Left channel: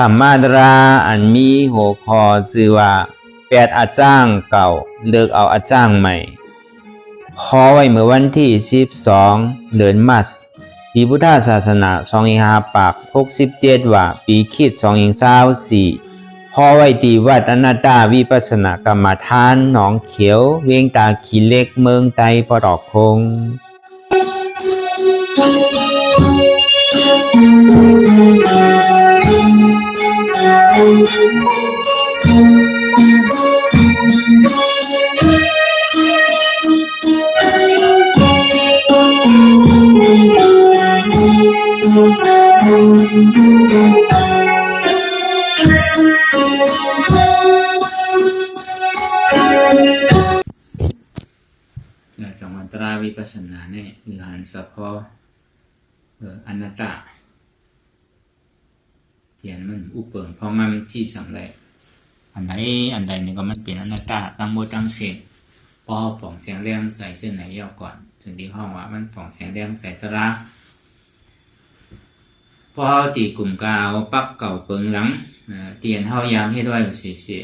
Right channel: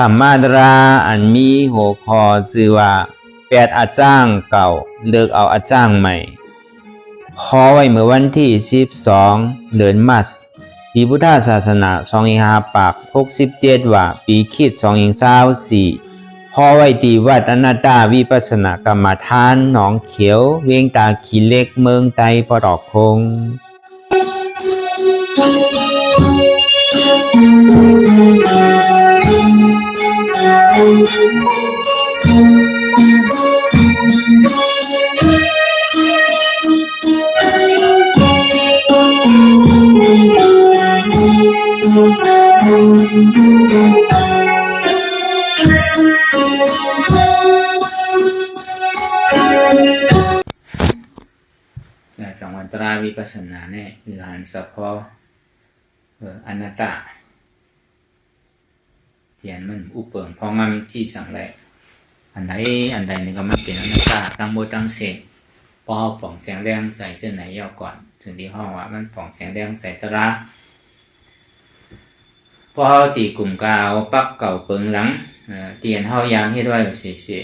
ธรรมาตราอันมีหัวข้อชื่อว่า8อาจารย์เก่าเลิกเอาอาจารย์ใหม่ขอไว้เมื่อวันที่12เดือนมัสปีพุทธศาสนา2567ว่าปีคริสต์2024ขอไว้ที่วัดอนัตตาวิปัสสนากรรมฐานหนองเขียวเวียงตาขี้เหล็กเมืองไตปตอกคงสังวรตราวิปัสสนาเนี่ยคือหันสะพออนัตตาเทียนมันอุปเปิงพอมันชี้สั่งเลยอันใดนี่ก็มันเป็นอนัตตาตั้งโมตั้งเสกพอเอาป่องแสงแรงใส่เส้นไหนยาวก่อนถึงที่ห้องว่ามันป่องแสงแรงใส่ตระพอเอาตีกลุ่มกาวปักเก่าเปิงหลังเตียนเฮายามให้ด้วยเสีย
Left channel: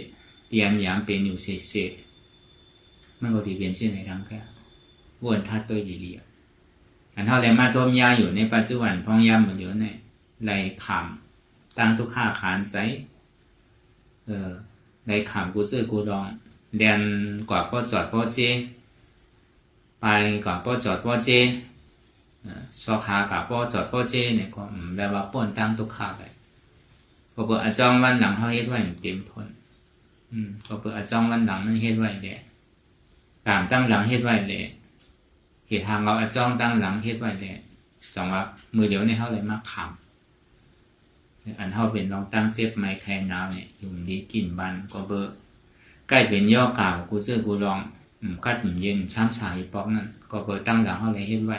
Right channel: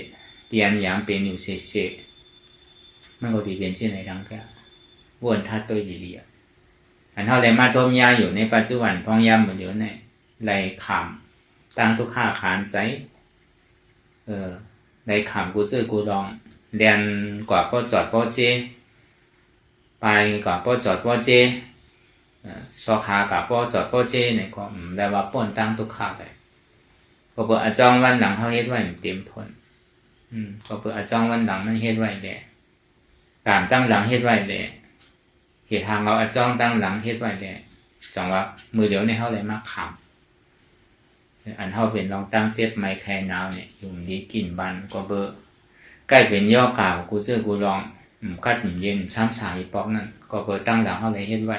เตียนยามเป็นอยู่เสียมันก็ตีเป็นเช่นไหนทั้งแค่วนทัดตัวเหลี่ยอันเท่าไรมาต้มยาอยู่ในปัจจุบันพองยามหมดเยอะเนี่ยไรขามตั้งทุกข้าขานใสไรขามกูซื้อกูดองเรียนกว่าพ่อจอดพ่อเจไปกว่าพ่อจอดพ่อเจสอขากับพ่อจอดพ่อเจเนี่ยก็ได้ว่าป้นตั้งทุกข้าได้ก็เปิดอาจารย์วันหลังเขาเฮ็ดไว้เต็มทนก็เปิดอาจารย์วันหลังมันเฮ็ดไว้แหละการตั้งหลังเฮ็ดไว้แหละเหตุทางเราอาจ้องตั้งหลังเฮ็ดไว้แหละจังว่ามือเดียวในเฮาเลยมาขามอันเฮาเป็นลองตั้งเจ็ดไม้แค่นาวเนี่ยอยู่ดีกินบันก็เบอใกล้เป็นย่อกาวกูซื้อกูลองกัดเย็นช้ำสายปอกนั่นก็เบอตั้งหลังเฮาเลยเฮ็ดไว้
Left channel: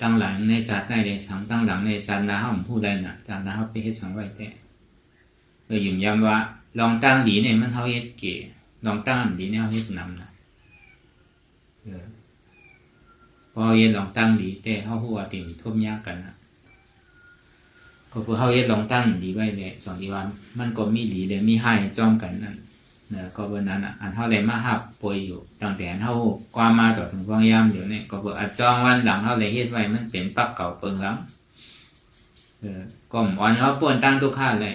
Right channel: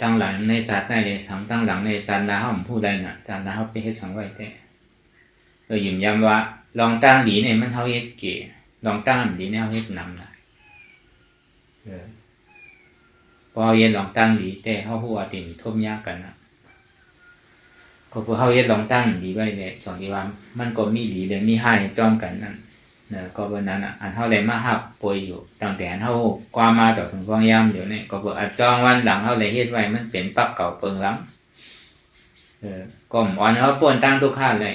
ตั้งหลังในจัดได้เลยสังตั้งหลังในจันดาเฮาผู้ใดน่ะจันดาเฮาไปเฮ็ดสังไว้แต่ยิ้มย้ำว่าลองตั้งดีเนี่ยมันเฮาเฮ็ดเก๋ลองตั้งดีเนี่ยเฮาเฮ็ดนำนะพอเย็นลองตั้งดีแต่เขาหัวติ่งทุ่มยากกันนะก็พอเขาเย็นลองตั้งดีไว้เลยสองที่ว่ามันก็มีหลีเลยมีให้จ้อมกันนั่นก็วันนั้นอันเท่าไรมาหับปวยอยู่ตั้งแต่เท่ากว่ามาต่อถึงฟองยามเดี๋ยวนี้ก็บอกอัดจ้องวันหลังเท่าไรเฮ็ดไว้มันเป็นปักเก่าเปิงหลังก็หมอนเขาป่วนตั้งทุกข้าเลย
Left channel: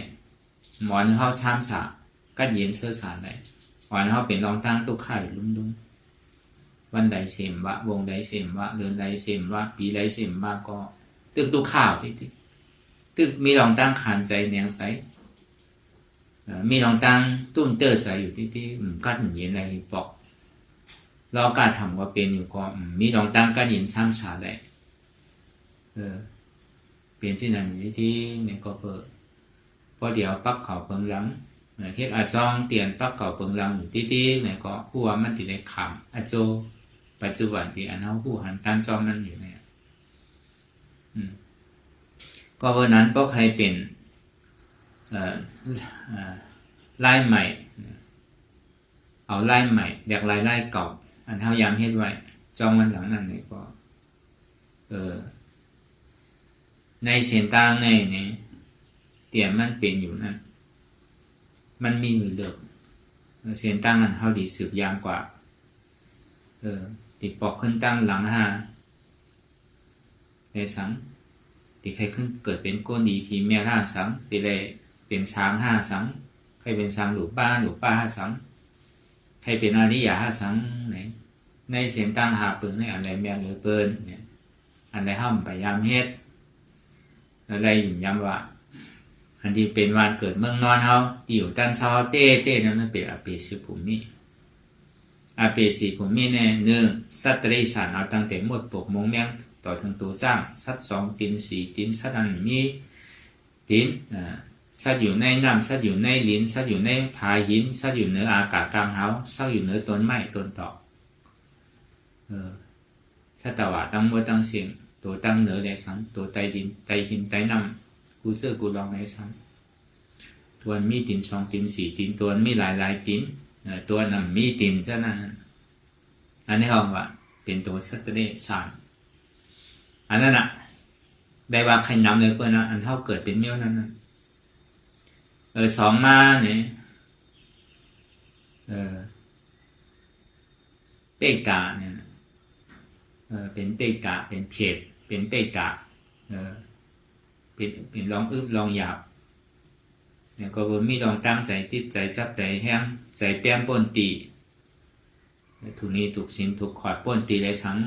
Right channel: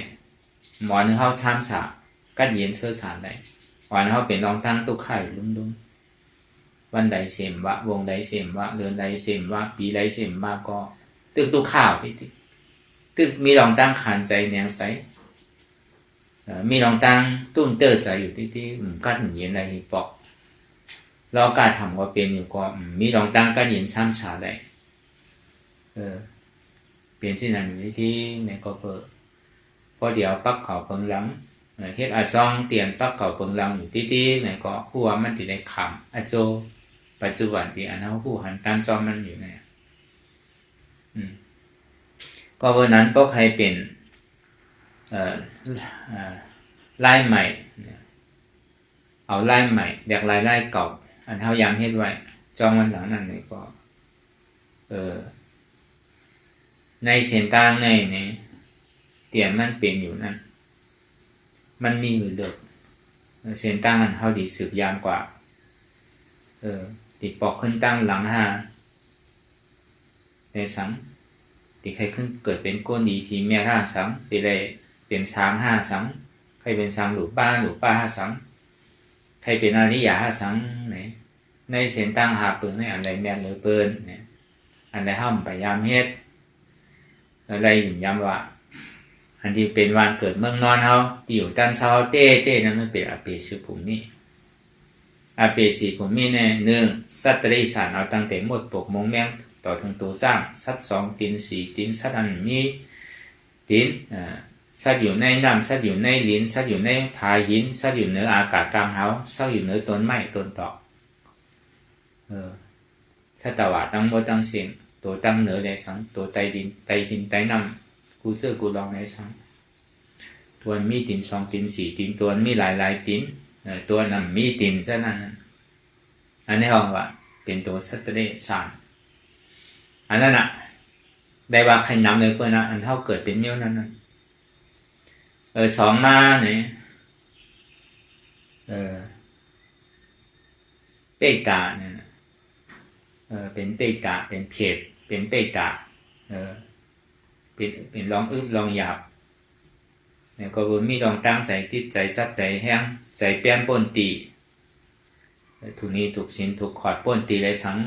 หมอนเขาช้ำฉากัดเย็นเชื้อสารเลยหมอนเขาเป็นลองตั้งทุกข้าอยู่ลุ่มวันใดเสมวะวงใดเสมวะเดือนใดเสมวะปีใดเสมวะก็ตึกดูข่าวที่ตึกมีลองตั้งขานใจแนงใสมีลองตั้งตุ้มเตอร์ใจอยู่ที่กัดเย็นอะไรปอกเราการทำก็เป็นอยู่ก็มีลองตั้งกัดเย็นช้ำฉาได้เป็นที่นั่นที่เนี่ยก็เปิดพอเดี๋ยวปักเขาเปิงหลังเฮ็ดอาจองเตียนปักเขาเปิงหลังอยู่ที่เนี่ยก็หัวมันติดในขำอาโจปัจจุบันที่อันเขาผู้หันการจอมมันอยู่เนี่ยก็วันนั้นพวกใครเป็นลายใหม่เอาลายใหม่เด็กลายเก่าอันเขายามเฮ็ดไว้จอมวันหลังนั่นเลยก็ในเส้นทางในเนี่ยเตียนมันเป็นอยู่นั่นมันมีอยู่เดิมเส้นทางอันเขาดีสืบยามกว่าติดปอกขึ้นตั้งหลังในสังติดใครขึ้นเกิดเป็นก้นดีพีเมีย5สังไปเลยเป็นช้าง5สังใครเป็นช้างหรือป้า5สังใครเป็นอริยะ5สังในเส้นตั้งหาปืนในอะไรแม่นหรือเปิ้นเนี่ยอันใดห้ามพยายามเฮ็ดอะไรย้ำว่าอันที่เป็นวันเกิดเมืองนอนเฮาที่อยู่ด้านเช้าเต้นั้นมันเป็นอเปสุภูมิอาเปสีผมมีแน่หนึ่งสัตว์ได้สารเอาตั้งแต่หมดปกมงแมงต่อถึงตัวจ้างสัตว์2ตีน4ตีนสัตว์อันมีตีนสัตว์อยู่ในน้ำสัตว์อยู่ในลิ้นสัตว์อยู่ในผาหินสัตว์อยู่เหนืออากาศกลางเฮาสัตว์อยู่เหนือต้นไม้ต้นตอกสัตว์ว่าตั้งหมดตั้งสิ่งตัวตั้งเหนือในสังตัวใต้ดินใต้หินใต้น้ำกูเชื่อกูลองในสังตัวมีตีน2ตีน4ตีนตัวมีหลายตีนตัวนั้นมีตีนซะนั้นอันนี้ห้องว่าเป็นตัวสัตว์เดรัจฉานอันนั้น ได้ว่าใครนำเลยเปิ้นนะอันเท่าเกิดเป็นเมี้ยวนั้นสองมาเนี่ยเปตาเนี่ยเป็นเปตาเป็นเขตเป็นเปตาเป็นลองอึบลองหยาบเนี่ยก็บ่มีลองตั้งใจติดใจจับใจแห้งใจแป้นป้นตีถูกนี้ถูกสินถูกขอดป้นตีเลยสัง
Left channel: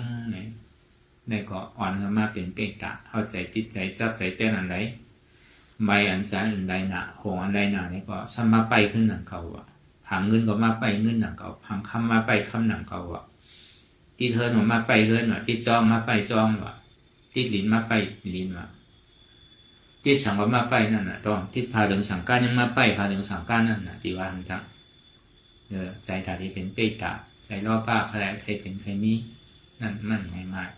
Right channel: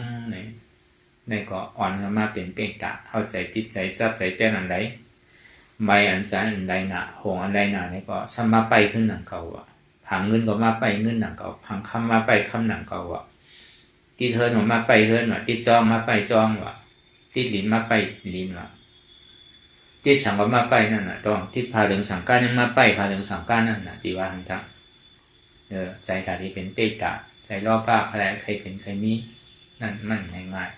ในก็อ่อนขึ้นมาเป็นเปตาเข้าใจติดใจจับใจแป้นอันใดใบอันใจอันใดน่ะหงอันใดน่ะนี่ก็ซ้ำมาไปขึ้นหนังเก่าอ่ะผังเงินก็มาไปเงินหนังเก่าผังคำมาไปคำหนังเก่าอ่ะติดเฮิร์นมาไปเฮิร์นว่ะติดจองมาไปจองว่ะติดลิ้นมาไปลิ้นว่ะติดฉังก็มาไปนั่นน่ะต้องติดพาเรื่องสังการนั่นมาไปพาเรื่องสังการนั่นน่ะที่ว่าหันทักใจตาที่เป็นเปตาใจรอบป้าใครใครเป็นใครมีนั่นมันง่าย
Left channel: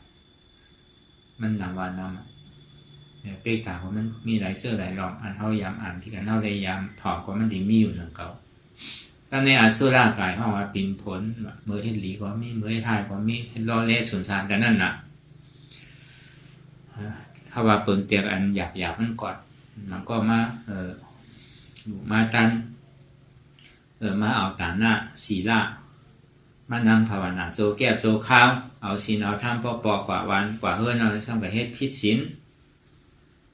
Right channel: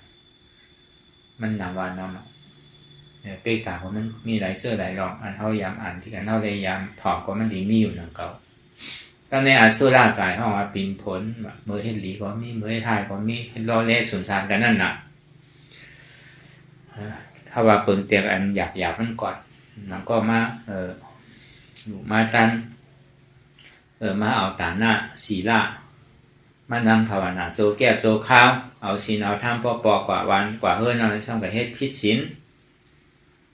ๆมันนาวานำเปตาเพราะมันมีหลายเสื้อหลายรองอันเท่ายามอ่านที่กันเท่าได้ยามถอดก็มันดีมีอยู่หนึ่งเก่าก็ในอสุรากายเขาว่าปินผลเมื่อเห็นหลีก็มีเมื่อเห็นทายก็มีเห็นล้อเล่สุนทานกันนั่นน่ะถ้าว่าเปิงเตียงอันหยาบมันก่อนมันก็มาตันมาเอาตาหน้าศีละมานั่งภาวนาโจแก้โจข้าวเอาศีลเอาธรรมปอกว่าวันกว่าเฮือนเอาซ้ำกับเฮ็ดผิดศีล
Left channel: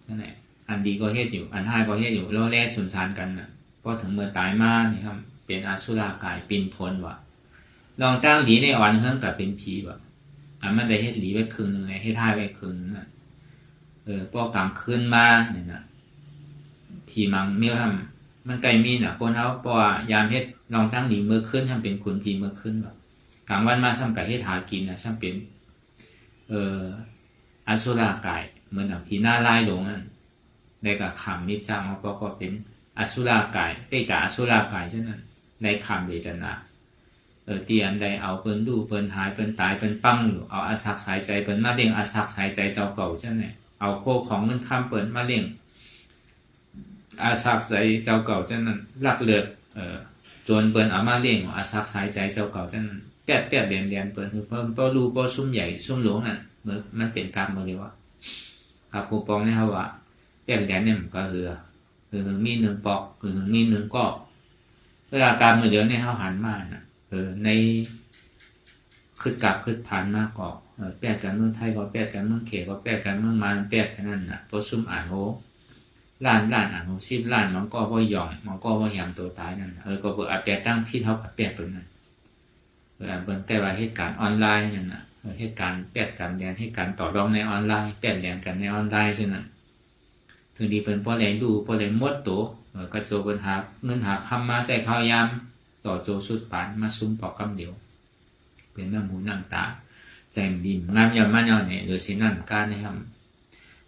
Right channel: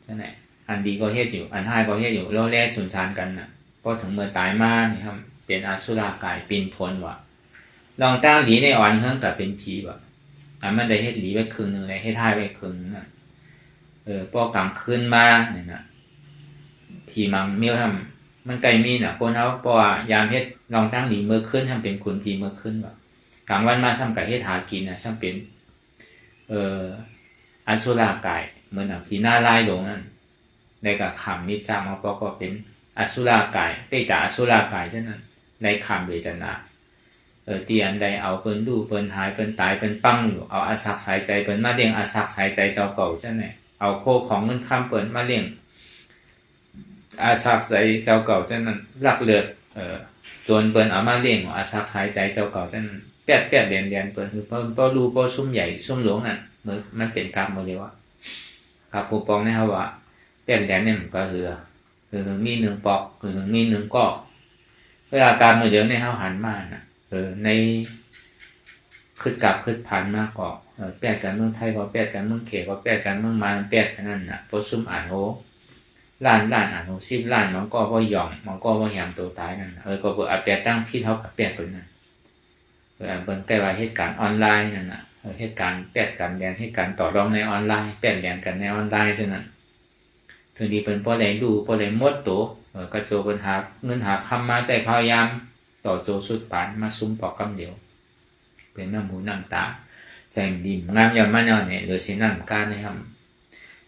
นั่นแหละอันดีก็เฮ็ดอยู่อันท้ายก็เฮ็ดอยู่ล้อเล่สุนทานกันน่ะพอถึงเมื่อตายมานี่ครับเป็นอสุรกายปินผลว่ะลองตั้งหลีในอ่อนเฮือนกับเป็นผีว่ะมันได้เฮ็ดหลีไว้ครึ่งนึงเลยเฮ็ดท้ายไว้ครึ่งนึงน่ะพอกลางคืนมาเนี่ยนะผีมังเมียวทำมันไกลมีน่ะคนเอาเพราะว่ายามเฮ็ดลองตั้งหลีเมื่อคืนทำเป็นขุนผีเมื่อคืนว่ะกลางวันมาซ้ำกับเฮ็ดหากินน่ะซ้ำเป็นอสุรกายเหมือนผีหน้าลายลงนั่นได้กับคำนิจจังมาก็เป็นอสุรกายเปตาอสุรกายฉะนั้นได้คำเวทนาเตียนได้เอาเปิ้นดูเปิ้นหายเปิ้นตายเปิ้นปั้งอยู่เอาอาศักสายใจเปิ้นมาเลี้ยงอาศักสายใจเจ้าเก่าจังได๋เอาโคของเงินคำเปิ้นมาเลี้ยงอาศักสายเจ้าเก่าจังนั้นลักเลือดโจรเปิ้นเอามาเลี้ยงอาศักสายใจเจ้าเก่าจังนั้นแปดเรียนเปิ้นคือเปิ้นบ่รู้บ่ซุ่มใหญ่ซุ่มหลงนั่นมันเป็นกรรมบ่ได้ว่าครับผู้ปองในเฮาว่าแปดเรียนเนี่ยมันก็คือมี1ปอกมี1กอกเวลากรรมเดี๋ยวในเฮาหันมาน่ะในคิดกลับคิดผ่านมาก็แปดกันเมืองไทยก็แปดกันเมืองเขก็แปดกันเมืองมาแปดกันนั่นน่ะพอซุ่มอ่านโหล้านอ่านโห10ล้านมันก็บ่ย่องมันก็บ่แหมตัวตายนั่นก็บ่อาจจะตั้งผิดเท่ากับแปดตัวนั้นเบิ่งแต่ว่าเหตุการณ์ออนไลน์นั่นน่ะเหตุการณ์แปดกันแดนเหตุการณ์ต่อรองในออนไลน์แปดแดนกันในออนไลน์จังนั้นถึงดีเพิ่นบ่ได้ดูบ่ได้หมดตัวก็โจเพิ่นหาเงินหาคำมาใจพยายามต่อโจสุดปานมาซุ่มปอกกำเดียวเป็นน้ำหูน้ำตาใจดีงามยามมันเนี่ยหรือสิน้ำการนะครับ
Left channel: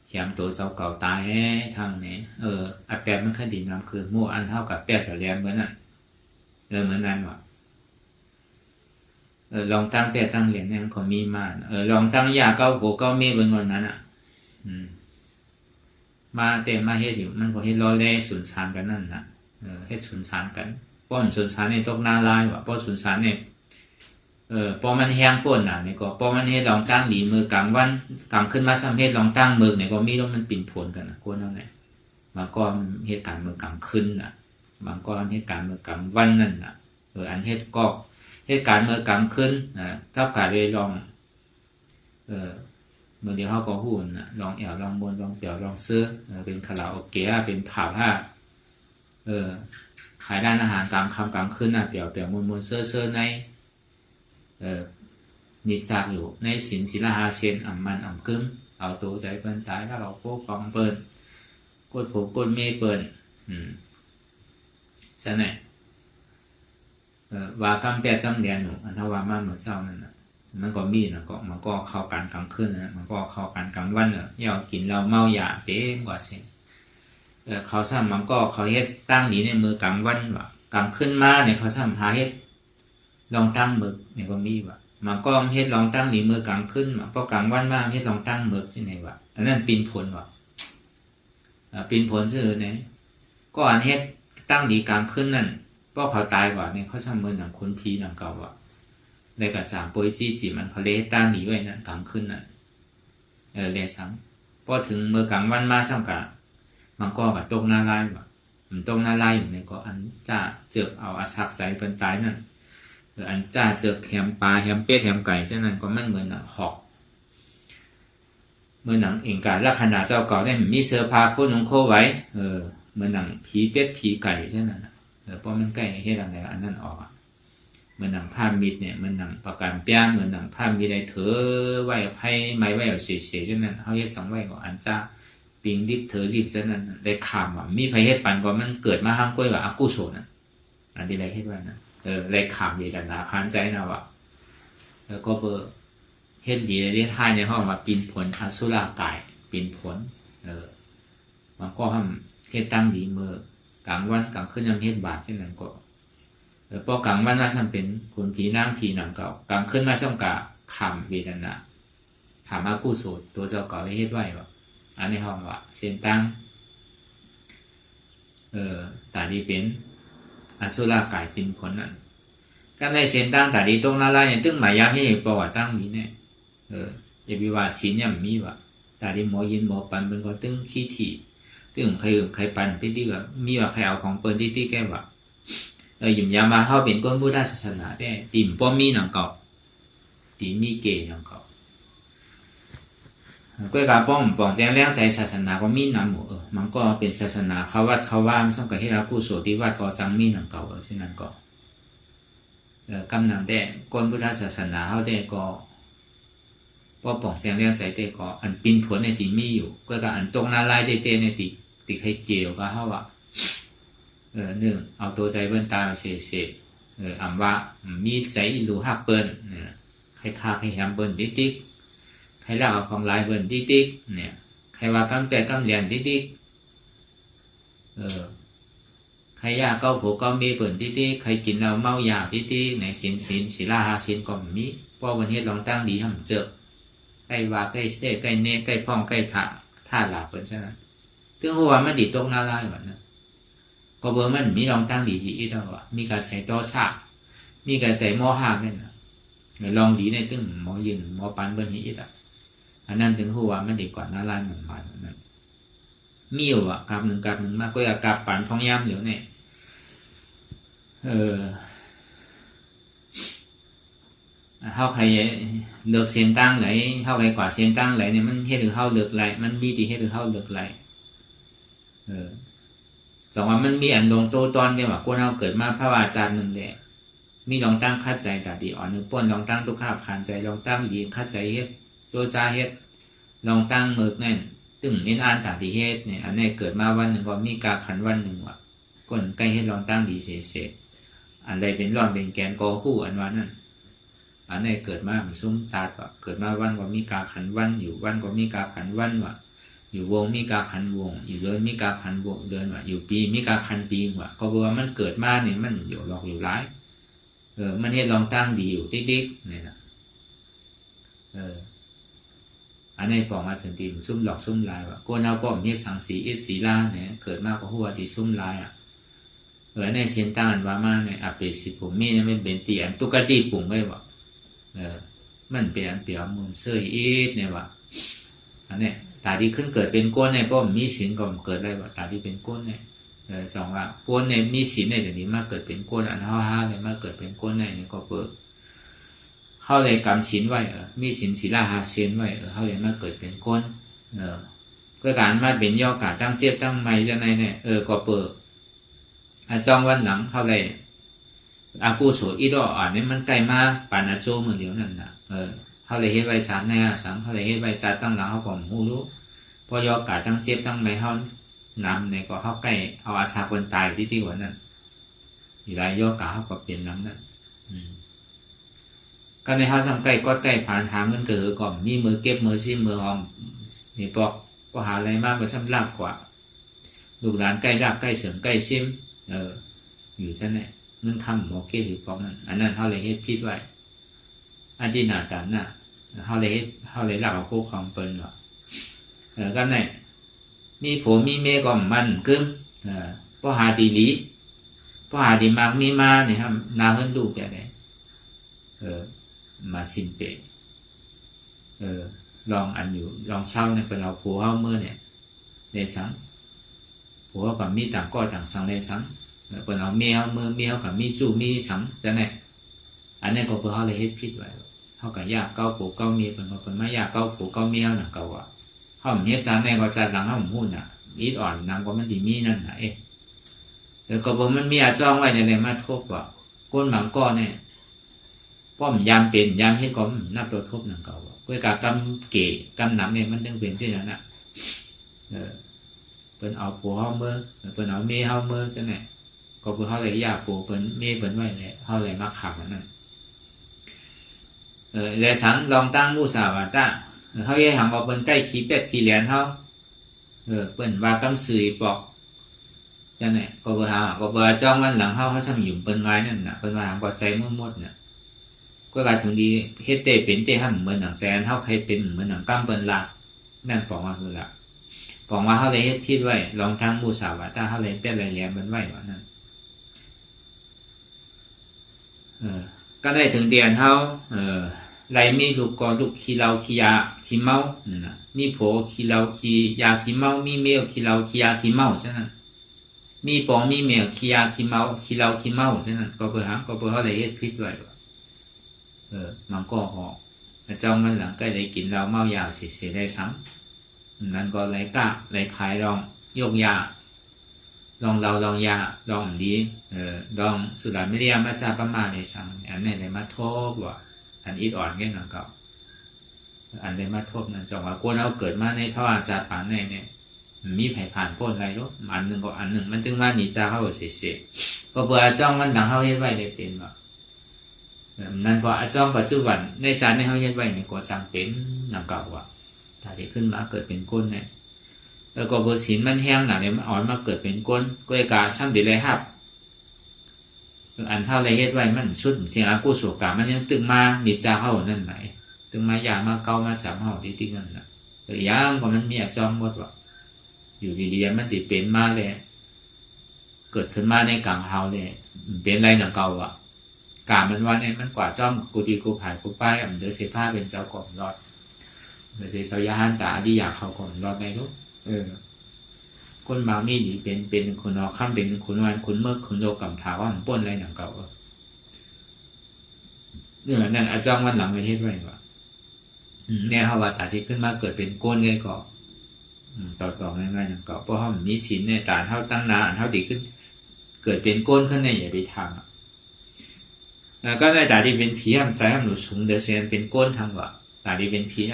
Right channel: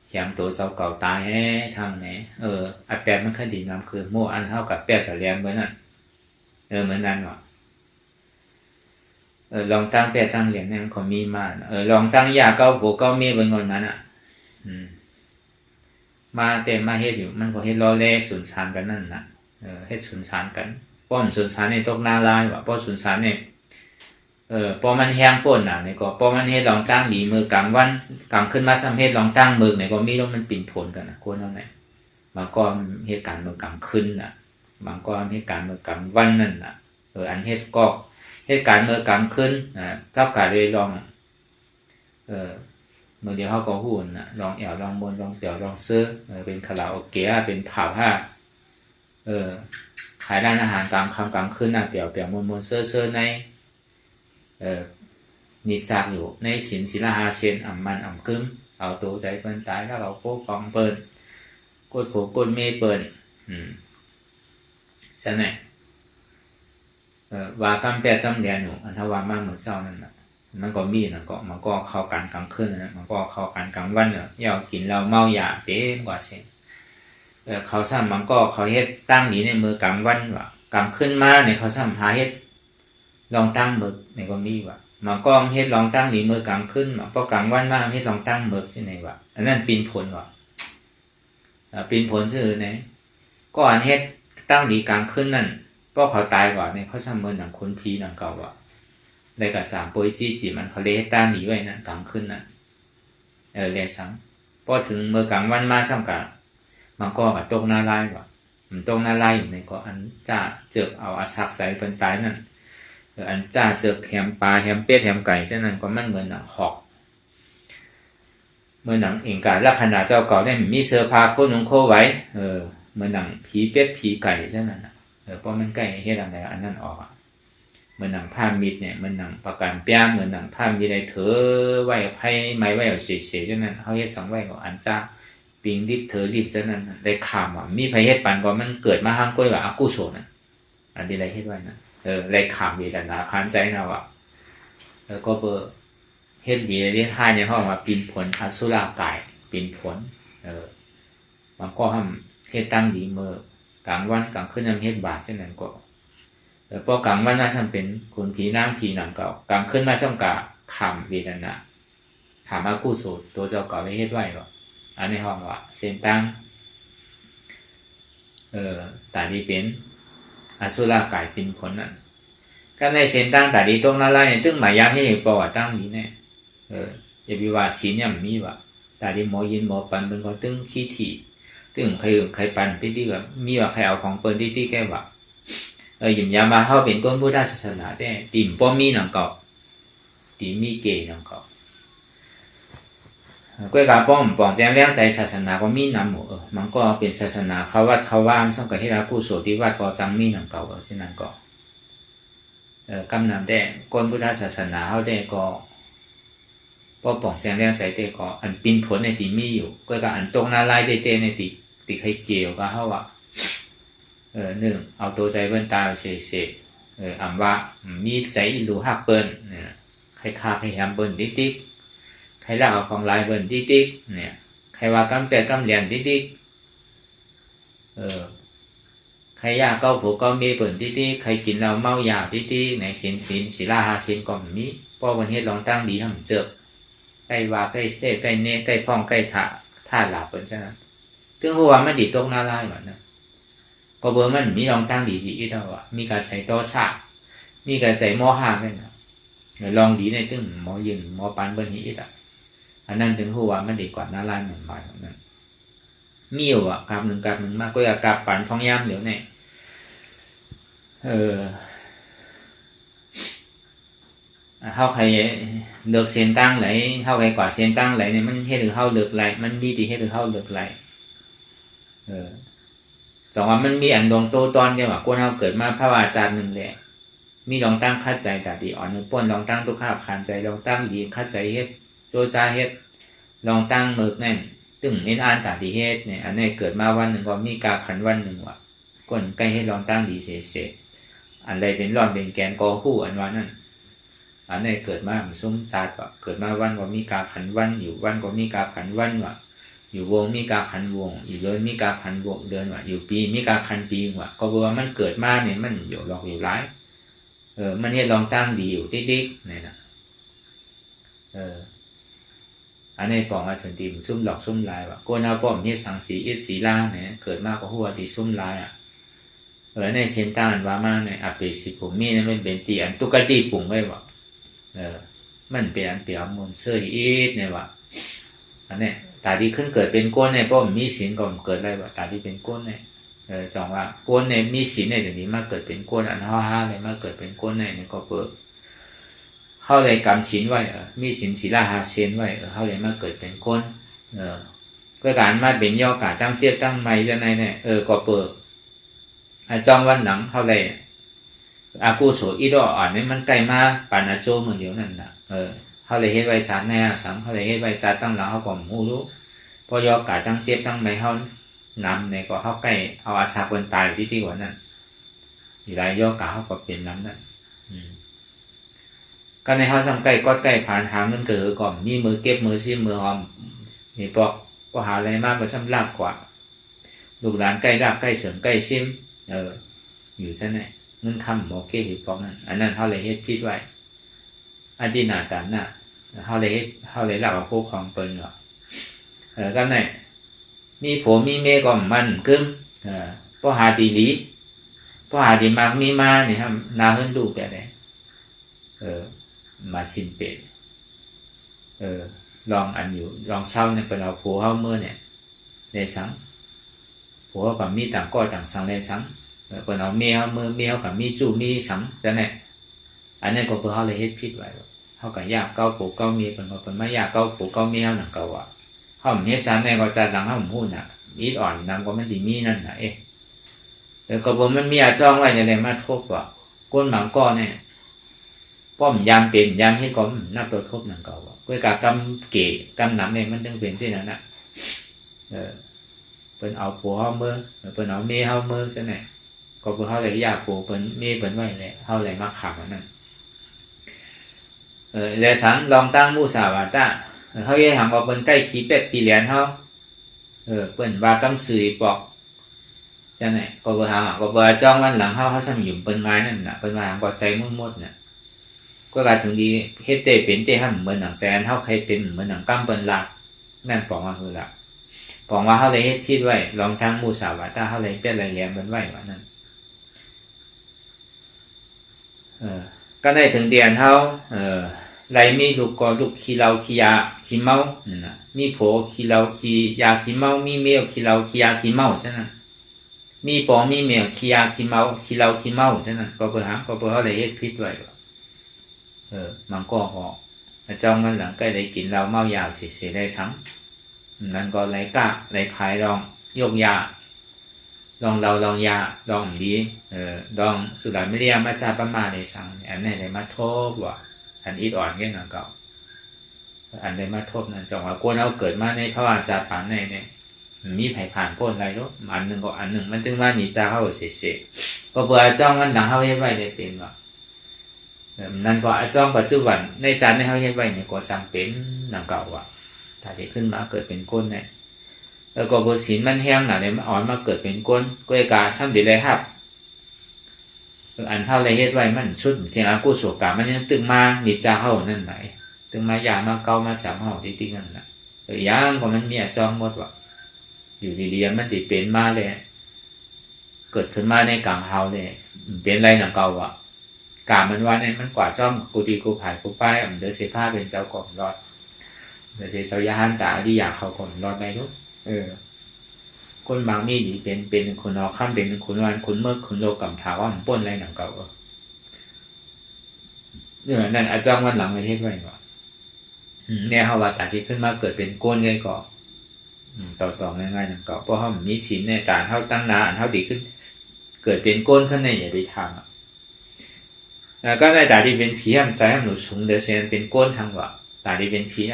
แขมตัวเจ้าเก่าตายทางไหนอันแปดมันคดีน้ำคือโม่อันเท่ากับแปดกับแรมเหมือนนั่นเหมือนนั้นหรอลองตั้งแปดตั้งเหรียญเนี่ยมันก็มีมาลองตั้งยาเก้าโผเก้าเมฆบนวันนั้นมาเต็มมาเฮ็ดอยู่มันก็เฮ็ดล้อเล่สุนทานกันนั่นน่ะเฮ็ดสุนทานกันป้อมสุนทานในตกนาลายว่ะป้อสุนทานเนี่ยพอมันแห้งป่นน่ะนี่ก็พอมันเฮ็ดลองตั้งหลีมือกลางวันกลางขึ้นมาซ้ำเฮ็ดลองตั้งมือนี่ก็มีแล้วมันปิ่นผลกันน่ะคนเอาไหนบางก็เฮ็ดการมือกลางขึ้นน่ะบางก็เฮ็ดการมือกลางวันนั่นน่ะอันเฮ็ดก็เฮ็ดการมือกลางขึ้นกับการเลยลองมื้อเดียวเฮาก็ฮู้น่ะลองแอวลองบนลองเตี่ยวลองซื้อเป็นคาราโอเกะเป็นผับผ้าขายร้านอาหารตามค่ำกลางคืนน่ะเปี่ยวๆมนๆเซ่อๆในนิจากอยู่ในศีลหาเชนอ่ำมันอ่ำกึ้มเอาตัวใจเปิ้นตายแล้วเราโป๊กองเปิ้นกดโผกดเมเปิ้นฉะนั้นว่ากำแปดกำเรียนอยู่อันถ้าว่ามาเหมือนเจ้านั่นน่ะมันก็มีน่ะก็มันก็เข้ากันกลางคืนนะมันก็เข้ากันกลางวันเนี่ยอย่ากินแล้วเมายาเต็มกว่าสิเขาซ้ำมันก็เขาเฮ็ดตั้งหนีในมือกลางวันว่ะกลางคืนมาเนี่ยเขาซ้ำหาเฮ็ดลองตั้งมือในก็มีว่ะมันก็เฮ็ดลองตั้งหนีมือกลางคืนว่ะพอกลางวันมาเฮ็ดลองตั้งมือที่ไหนว่ะอันนั้นปีนผลว่ะปีนผลซื่อไหนก็อันเฮ็ดตั้งหนีกลางคืนนั่นก็เขาตายกว่าเนี่ยเขาซ้ำมือหนังคนผีหนังเก่าว่ะได้กับจามโปยจี้จีมันเขาเลยตั้งหนีไว้นั่นกลางคืนนั่นเลยซ้ำ พอถึงเมื่อกลางวันมาซ้ำกะมันก็กับตกหน้าลายว่ะมันตกหน้าลายอยู่ในก็อันจ้าเจือกเอาอาศักใจเป็นตายนั่นอันจ้าเจือกแหมปลาแหมเป็ดแหมไก่เช่นนั้นก็มันเหมือนหนังหอกเมื่อหนังเองกาลักษณะเจ้าเก่าได้มีเสื้อผ้าโคหนุ่งโคไว้เมื่อหนังผีเป็ดผีไก่เช่นนั้นเพราะมันใกล้เฮ็ดอะไรอันนั้นออกเหมือนหนังผ้ามิดเนี่ยมันหนังประการเปียเหมือนหนังผ้ามิดได้เถอไว้ไพ่ไม้ไว้เอาเฉยๆเช่นนั้นเขาเฮ็ดสังไว้ของอันจ้าปิงดิบเถอดิบเช่นนั้นได้ขามว่ามีไผเฮ็ดปันก็มันเกิดมาห้างก้อยว่าอกุศลน่ะอันที่ได้เฮ็ดไว้นะได้ขามเวทนาคานใจนะว่าแล้วก็เฮ็ดดีได้ท่าในห้องว่าปินผลอสุรากายปินผลมันก็ห้ามเฮ็ดตั้งดีเมื่อกลางวันกลางคืนยามเฮ็ดบาปเช่นนั้นก็พอกลางวันน่าจะเป็นคนผีน้ำผีหนังเก่ากลางคืนน่าจะกะขามเวทนาขามอกุศลตัวเจ้าเก่าได้เฮ็ดไว้ก็อันในห้องว่าเส้นตั้งตาดีเป็นอสุรากายปินผลนั่นก็ในเส้นตั้งตาดีตรงนั้นเนี่ยตึ้งหมายยามให้ปอตั้งนี้เนี่ยอย่าไปว่าศีลเนี่ยมีว่าตาดีหมอยินหมอปันเป็นก็ตึ้งขี้ถี่ตึ้งใครปันไปที่ว่ามีว่าใครเอาของเปิ้นที่แก้ว่าหยิมยามาเฮาเป็นคนพุทธศาสนาแต่ติ่มป้อมีหนังเกาะติมีเกหนังเกาะก้อยกาป้อมปองแจ้งแรงใจศาสนาก็มีนำหมู่มันก็เป็นศาสนาเขาวัดเขาว่ามซึ่งประเทศอากุโสที่วัดก็จังมีหนังเก่าเช่นนั้นก็กำนำแต่คนพุทธศาสนาเฮาได้ก็ป้อปองแจ้งแรงใจแต่ก็อันปินผลในติมีอยู่ก้อยกาอันตรงนาลายได้ในติใครเกี่ยวก็เฮาว่าหนึ่งเอาตัวใจเบิ้นตาเสกอำว่ามีใจอิรูหักเปิ้นใครฆ่าใครแหมเบิ้นติ๊กใครลากเอาของลายเบิ้นติ๊กเนี่ยใครว่ากำแต่กำเรียนติ๊กใครยาเก้าผูกเก้ามีเปิ้นติ๊กใครกินแล้วเมายาติ๊กในศีลหาศีลก็มีป้อวันเฮ็ดลองตั้งดีหั่นเจอใกล้ว่าใกล้เสใกล้เนใกล้พ้องใกล้ท่าหลาเปิ้นฉะนั้นถึงหัวมันดิตรงหน้าลายว่านะก็บ่มันมีลองตั้งดีที่อีเท่าว่ามีการใช้ต่อซะมีการใช้หม้อหาแม่นลองดีในตึงหมอยิงหมอปานเบิ่นอีกอันนั้นถึงหัวมันดีกว่าหน้าร้านมันมานั้นมีอยู่กับหนึ่งมากก็กับปานท้องยามเหลียวเนี่ยเฮาใครเลือกเส้นตั้งไหลเฮาใครกว่าเส้นตั้งไหลเนี่ยมันเฮ็ดให้เฮาเลือกไหลมันมีที่เฮ็ดให้เฮาเลือกไหลสองว่ามันมีอันดงโตตอนเดียวว่าคนเราเกิดมาพระวาจาหนึ่งแหละมีลองตั้งคัดใจตาดีอ่อนนึงป้นลองตั้งตุกข้าวขานใจลองตั้งดีคัดใจเฮ็ดโจจาเฮ็ดลองตั้งเมิกแน่นตึงเน้นอ่านตาดีเฮ็ดเนี่ยอันนี้เกิดมาวันหนึ่งก็มีกาขันวันหนึ่งว่ะก้นใกล้เฮ็ดลองตั้งดีเสร็จอันใดเป็นร่อนเป็นแกนกอคู่อันว่านั่นอันนี้เกิดมามันซุ้มจาดว่ะเกิดมาวันก็มีกาขันวันอยู่วันก็มีกาขันวันว่ะอยู่วงมีกาขันวงอยู่เดือนมีกาขันวงเดือนว่ะอยู่ปีมีกาขันปีว่ะก็บอกว่ามันเกิดมาเนี่ยมันอยู่หลอกอยู่ร้ายมันเฮ็ดลองตั้งดีอยู่ติ๊กๆนี่นะอันนี้ปองว่าถึงตีมันซุ่มหลอกซุ่มลายว่ะโกนเอาป้อมเฮ็ดสังสีอิสีลาเนี่ยเกิดมาก็หัวตีซุ่มลายในเส้นตั้งว่ามาในอเปสิผมมีเนี่ยมันเป็นตีอันตุกตีปุ่งไว้ว่ะมันเป็นอันเปียมนเสื้ออีดเนี่ยว่ะอันนี้ตาที่ขึ้นเกิดเป็นก้นเนี่ยป้อมมีศีลก็เกิดได้ว่าตาที่เป็นก้นเนี่ยจังว่าก้นเนี่ยมีศีลเนี่ยจะนี้มาเกิดเป็นก้นอันห้าเลยมาเกิดเป็นก้นเนี่ยก็เปิดเข้าเลยกำศีลไว้มีศีลศีลหาศีลไว้เข้าเลยมาเกิดเป็นก้นก็การมาเป็นย่อกาตั้งเจี๊ยบตั้งไม้จะไหนเนี่ยก็เปิดจังวันหลังเข้าเลยอากูโสอีดอ่อนเนี่ยมันใกล้มาปานาโจเหมือนเดียวนั่นน่ะเขาเลยเฮ็ดไว้จัดแน่สังเขาเลยเฮ็ดไว้จัดตั้งหลังเขาก็หูรู้พอยอกาตั้งเจ็บตั้งไม่เขานำในก็เขาใกล้เอาอาสาคนตายที่กว่านั้นอยู่ไรยอกาเขาก็เป็นนั้นนั่นก็ในเขาทำใกล้ก็ใกล้ผ่านหาเงินเกิดก่อนมีมือเก็บมือซิมือหอมนี่ปอกก็หาอะไรมากก็ซ้ำลาบกว่าลูกหลานใกล้ลาบใกล้เสริมใกล้ซิมอยู่ซะไหนเงินคำโมเกหิปอกนั่นอันนั้นเขาเลยเฮ็ดพิษไว้อันที่หน้าตาหน้าเขาเลยหลักเอาคู่ของตนว่าก็ไหนมีผัวมีเมียก็มันกึ่งพอหาดีหลีพอหาดีมากมีมาเนี่ยครับนาเฮิรนดูแบบไหนมาสินเปมา ลองอันอยู่ลองเช่าเนี่ยเป็นเอาผัวเฮาเมื่อเนี่ยได้สังผัวกับมีต่างก็ต่างสังได้สังเป็นเอาเมียเฮาเมื่อเมียกับมีจู่มีสังจะเนี่ยอันนี้ก็เพื่อเขาเลยเฮ็ดผิดไว้เขาก็ยากเก้าผัวเก้าเมียเป็นก็เป็นไม่ยากเก้าผัวเก้าเมียหนังเก่าอ่ะเขาเฮ็ดจานในก็จานหลังเขาพูดน่ะอีดอ่อนนางก็มันดีมีนั่นน่ะแล้วก็บ่มันมีอาจ้องไว้ในแรงมาทบว่าก้นหมังก้อเนี่ยป้อมยามเป็นยามเฮ็ดก็นับตัวทบหนังเก่าว่าด้วยการกำเกะกำหนังเนี่ยมันต้องเป็นเช่นนั้นน่ะเป็นเอาผัวเฮาเมื่อเป็นเอาเมียเฮาเมื่อซะเนี่ยก็บ่เฮาเลยอยากผัวเป็นเมียเป็นไว้แหละเฮาเลยมาขังนั่นแล้วสังลองตั้งมุสาวาทะเฮาเฮ็ดหังว่าเปิ้นใกล้ขี้เป็ดขี้เหรียญเฮาเปิ้นว่าตำสื่อปอกจังได๋ก็บ่หาก็บ่จ้องวันหลังเฮาซ้ํอยู่เปิ้นไม้นั่นน่ะเปิ้นว่าก็ใจหมดๆน่ะก็กาถึงดีเฮ็ดเตเป็นเตหั่นเหมือนหนังแจนเฮาเคยเป็นเหมือนหนังตั้มเปิ้นละนั่นปองว่าคือละปองว่าเฮาเลยเฮ็ดผิดไว้ลองทางมุสาวาทะเฮาเลยเป็นไรแหลมเปิ้นไว้ว่านั่นก็ได้ถึงเดือนเฮาไรมีลูกก็ลูกขี้เหล้าขี้ยาขี้เมานั่นน่ะมีผัวขี้เหล้าขี้ยาขี้เมามีเมียขี้เหล้าขี้ยาขี้เมาฉะนั้นมีปองมีเมียขี้ยาขี้เมาขี้เหล้าขี้เมาฉะนั้นก็บ่หาก็บ่เฮาเลยเฮ็ดผิดไว้มันก็ออกจ้องมันหลังใกล้ได้กินเหล้าเมายาเสียได้ซ้ํนั่นก็ไหลกะไหลขายลองยกยาลองเราลองยาลองดีลองสุราเมเรียมาจาประมาได้สั่งอันนี้ได้มาโทษว่าอันอีดอ่อนแก่นั่นก็อันได้มาโทษนั่นจังว่าคนเอาเกิดมาในภาวะจาปานเนี่ยมีไผผ่านพ้นได้เนาะอันนึงก็อันนึงมันถึงว่านี่จาเฮาเสียก็เบื่อจ้องมันหลังเฮาเฮ็ดไว้ได้เป็นว่านั่นก็อาจ้องปัจจุบันในจานที่เฮาเฮ็ดไว้นี่ก็จำเป็นนั่นก็ว่าถ้าได้ขึ้นมาเกิดเป็นก้นเนี่ยแล้วก็บ่ศีลมันแห้งน่ะเนี่ยมันอ่อนมาเกิดเป็นก้นก็กาซ้ำดีเลยครับอันเท่าไรเฮ็ดไว้มันชุดเสียงอากุศลกรรมมันยังตึงมานิจาเฮานั่นไหนตึงมายามาเก่ามาจับเฮาที่ตินั่นน่ะอย่างก็มันมีอาจ้องหมดว่าอยู่ดีๆมันสิเป็นมาเลยเกิดขึ้นมาในกลางเฮาเลยเป็นไรหนังเก่าอ่ะกามันว่าเนี่ยมันกว่าจ้อมกูดีกูผายกูป้ายเด้อเสพาเป็นเจ้าก่อนรอดเด้อเสเจ้ายาหันตาที่อยากเข้าก่อนรอดได้ลูกคนบางมีดีเป็นคนเอาขั้นเป็นคนวันคนเมื่อคนโลกำถาว่ามันป้นอะไรหนังเก่าเนี่ยนั่นอาจารย์วันหลังประเทศไว้ว่าเนี่ยเฮาว่าตาที่ขึ้นมาเกิดเป็นก้นไงก็ต่อง่ายๆหนังเก่าเพราะเฮามีศีลในตาเฮาตั้งนาเฮาดีขึ้นเกิดเป็นก้นขึ้นในอย่าไปทำก็ได้ตาที่เป็นผีใจให้หนูสูงเดเซนเป็นก้นทางว่าตาที่เป็นผี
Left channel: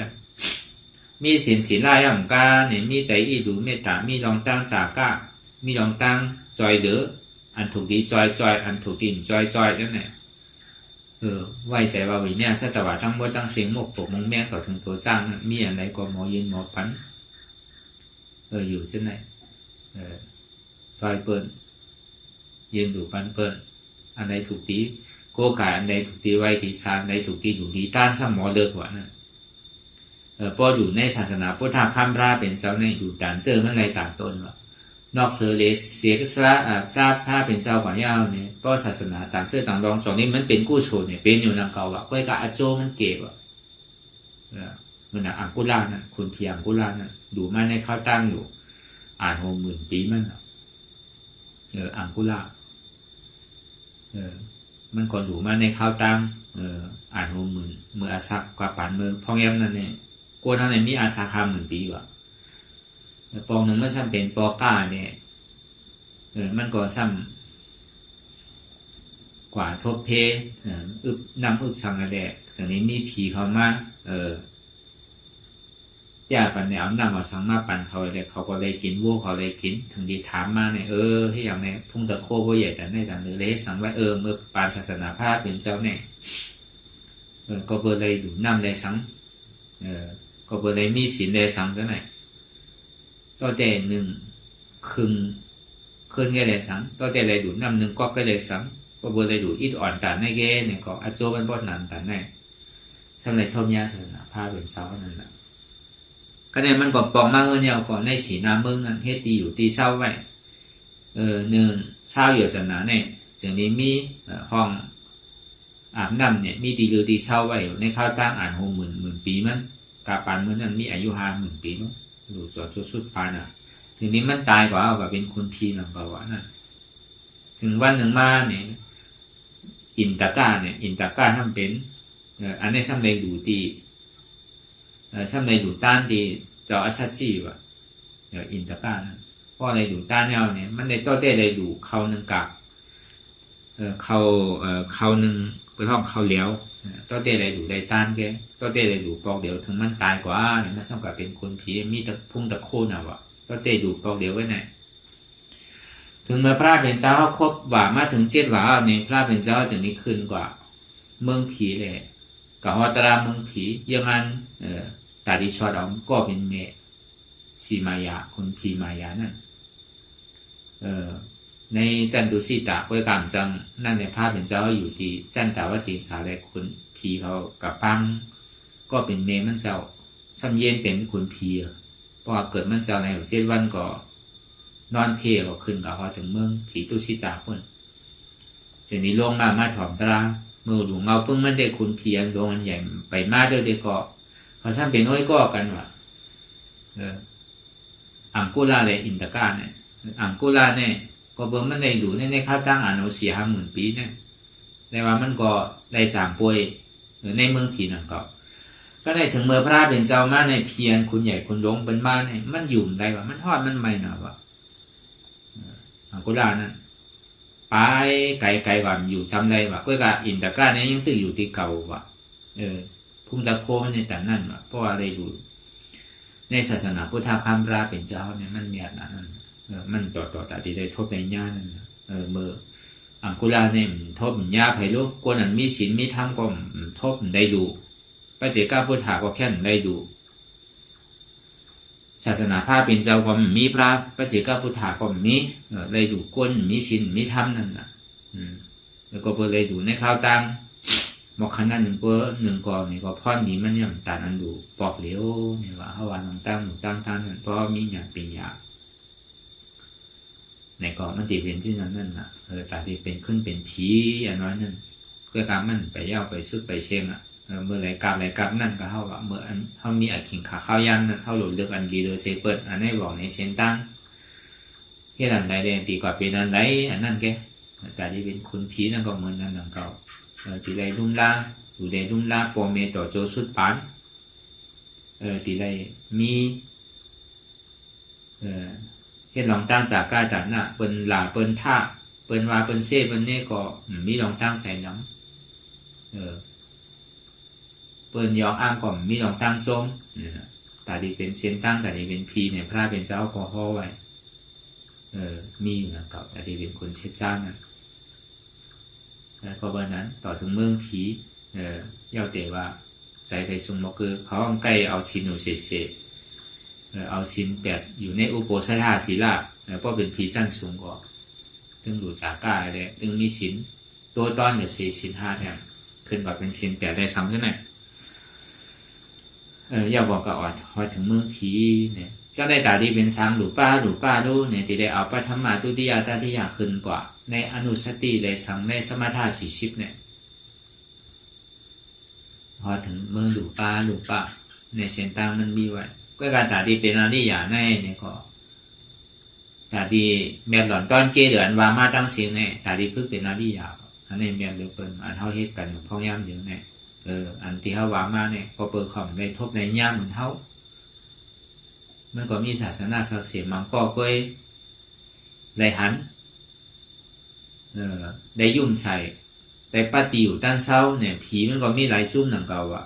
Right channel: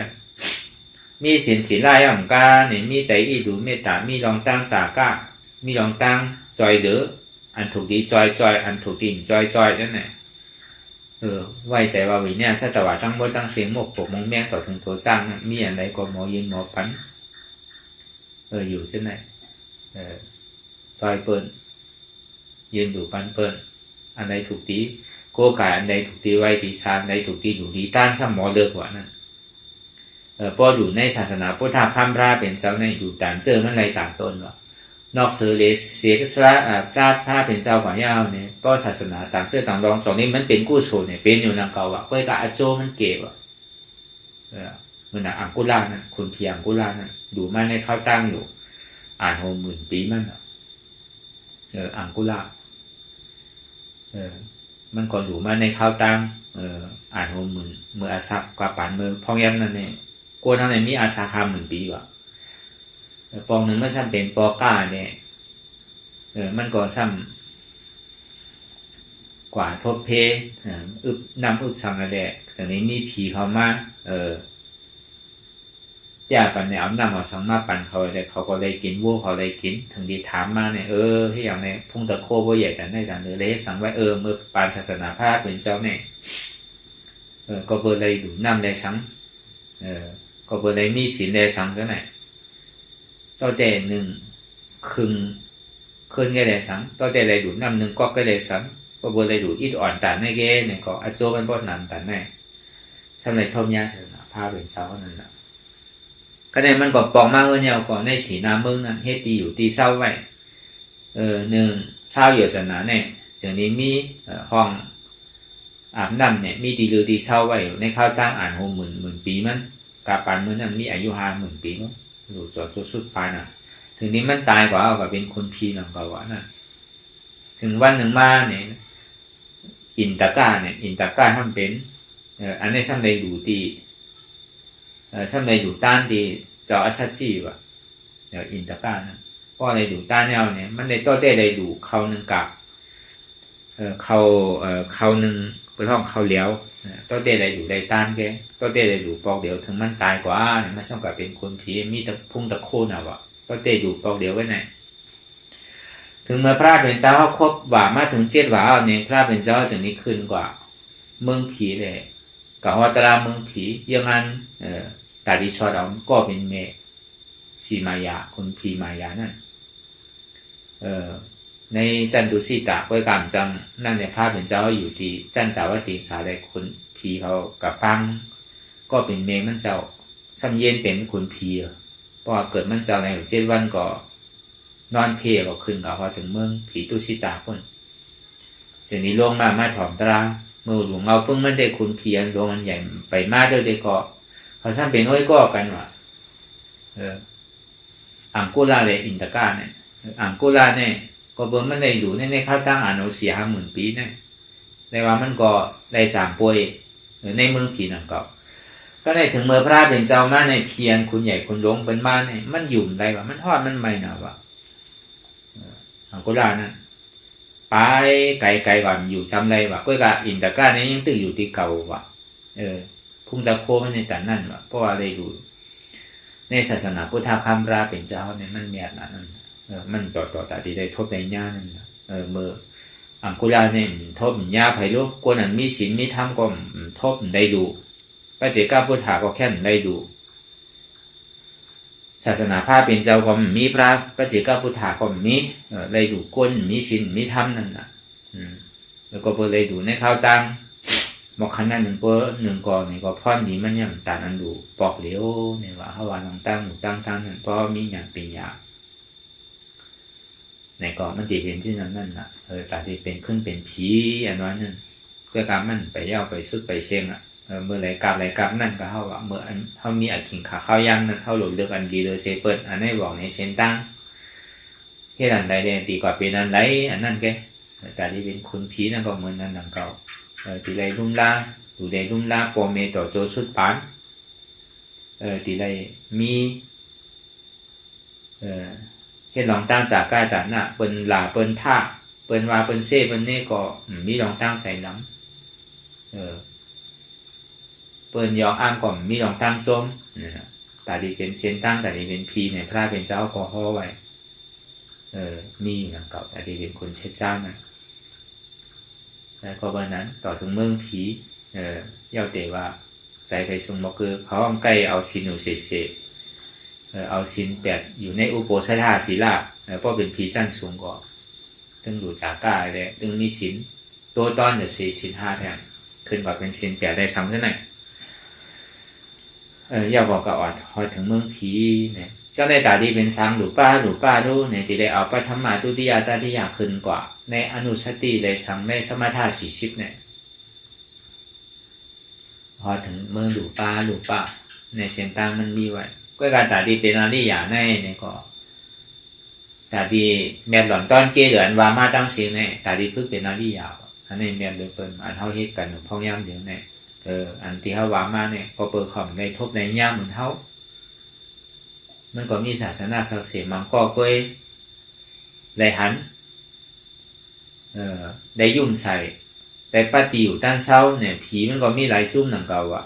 มีศีลศีลไล่อ่ำกาเนี่ยมีใจอีดูเมตตามีลองตั้งสากะมีลองตั้งจอยเหลืออันถูกดีจอยอันถูกดินจอยจังไหนไว้ใจว่าวิเนี่ยสัตว์ทั้งหมดตั้งเสียงหมกปกมงแม่ก่อถึงตัวสร้างมีอะไรก็หมอยินหมอพันอยู่เช่นไหนจอยเปิ้นยืนดูปันเปิ้นอันใดถูกตีโกขายอันใดถูกตีไว้ที่ซานใดถูกตีอยู่ดีต้านซ้ำหมอเลิกว่านั่นพออยู่ในศาสนาพุทธข้ามราเป็นเจ้าในอยู่ต่างเจอมันอะไรต่างต้นเนาะนอกเสือเลเสียก็สละพระผ้าเป็นเจ้าของยาวเนี่ยก็ศาสนาต่างเจอต่างรองสองนี้มันเป็นกู้โฉเนี่ยเป็นอยู่นังเก่าอ่ะก็กะอาโจมันเก็บอ่ะมันอ่ะอังกุลานั่นคุณเพียงกุลานั่นดูมาในข้าวตั้งอยู่อ่าน60,000 ปีมันอังกุลามันก่อนอยู่มาในข้าวตั้งอ่าน60,000เมื่ออาศักกว่าปันเมืองพองยันนั่นเนี่ยกวนอะไรมีอาสาคา10,000 ปีว่ะปองหนึ่งมันซ้ำเป็นปอก้าเนี่ยมันก็ซ้ำกว่าทบเพนำอึบสังอะไรจากนี้มีผีเขามาย่าปันเนี่ยเอานำมาสังมาปันเขาเลยเขาก็เลยกินวัวเขาเลยกินถึงดีถามมาเนี่ยที่อย่างในพุ่งตะโคบ่ใหญ่แต่ในการเลยสังว่าเมื่อปานศาสนาพระเป็นเจ้าเนี่ยก็เบอร์เลยอยู่นำเลยสังก็เบอร์เลยมีศีลเลยสังก็ไหนต่อแต่หนึ่งคึงเคลื่อนแก่เลยสังต่อแต่เลยดูนำหนึ่งก็ไปเลยสังก็เบอร์เลยดูอิดอ่อนตันในแก่เนี่ยก็อาโจมันป้อนนำตันในสำหรับทมยาศาสนาพระเป็นเจ้านั่นแหละก็ในมันก็ปองมาเนี่ยก็ในสีน้ำเมืองนั้นเฮ็ดดีอยู่ตีเศร้าไว้หนึ่งเศร้าอยู่ศาสนาเนี่ยจากนี้มีห้องอาบน้ำเนี่ยมีตีหรือตีเศร้าไว้ในข้าวตั้งอ่าน60,000 ปีมัน กาปานเมื่อนั้นมีอายุ50,000 ปีแล้วหลุดจากสุดปานถึงนี้มันตายกว่าก็เป็นคนพีหนังกว่านั่นถึงวันหนึ่งมาเนี่ยอินตาก้าเนี่ยอินตาก้าทำเป็นอันนี้ซ้ำใดอยู่ที่ซ้ำใดอยู่ต้านที่เจ้าอาชาจีว่ะอินตาก้านะเพราะอะไรอยู่ต้านเนี่ยมันในต้นได้เลยดูเขาหนึ่งกับเขาหนึ่งเป็นห้องเขาเลี้ยวต้นได้เลยดูได้ต้านแกต้นได้เลยดูปอกเดียวถึงมันตายกว่าเนี่ยมันซ้ำกับเป็นคนผีมีแต่พุ่งตะโคนว่ะต้นได้ดูปอกเดียวไว้ไหนถึงเมื่อพระเป็นเจ้าเขาครบว่ามาถึง7 ว่าเนี่ยพระเป็นเจ้าจะนี้ขึ้นกว่าเมืองผีเลยกับวัตราเมืองผียังงั้นตาดิชอดเอาก็เป็นเมสีมายาคนผีมายานั่นในจันตุสีตาก้อยกามจังนั่นในภาพเป็นเจ้าอยู่ที่จันตาวตีสาได้คนผีเขากับปังก็เป็นเมมันเจ้าซ้ำเย็นเป็นคนผีพอเกิดมันเจ้าใน7 วันก็นอนเพลก็ขึ้นต่อเขาถึงเมืองผีตุสีตาคนทีนี้ลงมาถอมตราเมื่อหลวงเอาเพิ่งมันได้คุณเพียรลงอันใหญ่ไปมาด้วยได้ก็เขาซ้ำเป็นอ้อยก็กันว่ะอังกุลาเลยอินตาก้าเนี่ยอังกุลาเนี่ยก็บนมันได้อยู่ในข้าวตั้งอ่านเอา4-50,000 ปีเนี่ยในว่ามันก็ได้จางป่วยในเมืองผีนั่นก็ได้ถึงเมื่อพระเป็นเจ้ามาในเพียรคุณใหญ่คุณหลวงเป็นมาเนี่ยมันอยู่ได้ว่ามันทอดมันไม่หนาวะอังกุลานั่นไปไกลๆว่าอยู่ซ้ำไรวะก็กะอินตาก้าเนี่ยยังตึกอยู่ที่เก่าวะพุ่งตะโคมันในแต่นั่นวะเพราะว่าได้อยู่ในศาสนาพุทธคำราเป็นเจ้าเนี่ยมันมีอะไรนั่นมันต่อแต่ที่ได้ทบในญาณนั่นเมื่ออังกุลาเนี่ยทบญาไผ่ลูกคนนั้นมีศีลมีธรรมก็ทบได้ดูพระเจ้าพุทธาก็แค่ได้ดูศาสนาพระเป็นเจ้าก็มีพระเจ้าพุทธาก็มีได้ดูก้นมีศีลมีธรรมนั่นแหละแล้วก็ได้ดูในข้าวตังบอกขนาดหนึ่งก่อนนี่ก็พ่อหนีมันยังต่างอันดูปอกเหลียวเนี่ยว่าเขาวันตั้งนั่นเพราะมีอย่างเป็นยาในก็มันตีเป็นที่นั่นน่ะแต่ที่เป็นขึ้นเป็นผีอันนั้นนั่นเพื่อการมันไปย่าไปสุดไปเชงเมื่อไรกับนั่นก็เขาว่าเมื่อเขามีอักขิงขาข้าวยำนั่นเขาหลุดเลือกอันดีเลยเซเปิดอันนี้บอกในเซนตั้งแค่นั้นใดเด่นตีกว่าเป็นอันไรอันนั้นแกแต่ที่เป็นคนผีนั่นก็เหมือนนั่นนั่งเก่าตีไรรุ่มลาอยู่ในรุ่มลาปอเมต่อโจสุดปานตีไรมีเฮ็ดหลองตั้งจากก้าจากน่ะเปิ้นหลาเปิ้นท่าเปิ้นว่าเปิ้นเซ่เปิ้นนี่ก็มีหลองตั้งใส่น้ำเปิ้นยองอ้างก็มีหลองตั้งส้มแต่ที่เป็นเส้นตั้งแต่ที่เป็นพีเนี่ยพระเป็นเจ้าก็ห่อไว้มีอยู่นะเก่าแต่ที่เป็นคนเช็ดจ้างนะแล้วก็วันนั้นต่อถึงเมืองผีเย้าเตว่าใจไปซุงบอกคือเขาเอาใกล้เอาสินอยู่เฉยเอาสิน8อยู่ในอุโปสถาศีลาเพราะเป็นผีสั้นสูงกว่าตึงอยู่จากกายเลยตึงมีสินตัวตอนจะสิน5แทนขึ้นกว่าเป็นสิน8ได้3ซะหน่อยอย่าบอกกับอดพอถึงเมืองผีเนี่ยเจ้าได้ตาดีเป็นสังหรือป้าดูเนี่ยที่ได้เอาปฐมมาตุติยาตติยาขึ้นกว่าในอนุสติได้สังในสมถะ40เนี่ยพอถึงเมืองหรือป้าในเสียงต่างมันมีไว้ก็การตาดีเป็นอริยาในเนี่ยก็ตาดีแม่หล่อนต้อนเกลือนว่ามาตั้งเสียงเนี่ยตาดีคือเป็นอริยาอันนี้แม่เลยเปิ่นอันเท่าเฮ็ดกันพ่อย่ำอยู่เนี่ยอันที่เฮาว่ามาเนี่ยก็เปิดของในทบในย่ำเหมือนเฮามันก็มีศาสนาศักดิ์สิทธิ์มันก็เคยได้หันได้ยุ่มใส่ได้ปฏิอยู่ด้านเช้าเนี่ยผีมันก็มีหลายจุ่มนั่นเก่าอ่ะ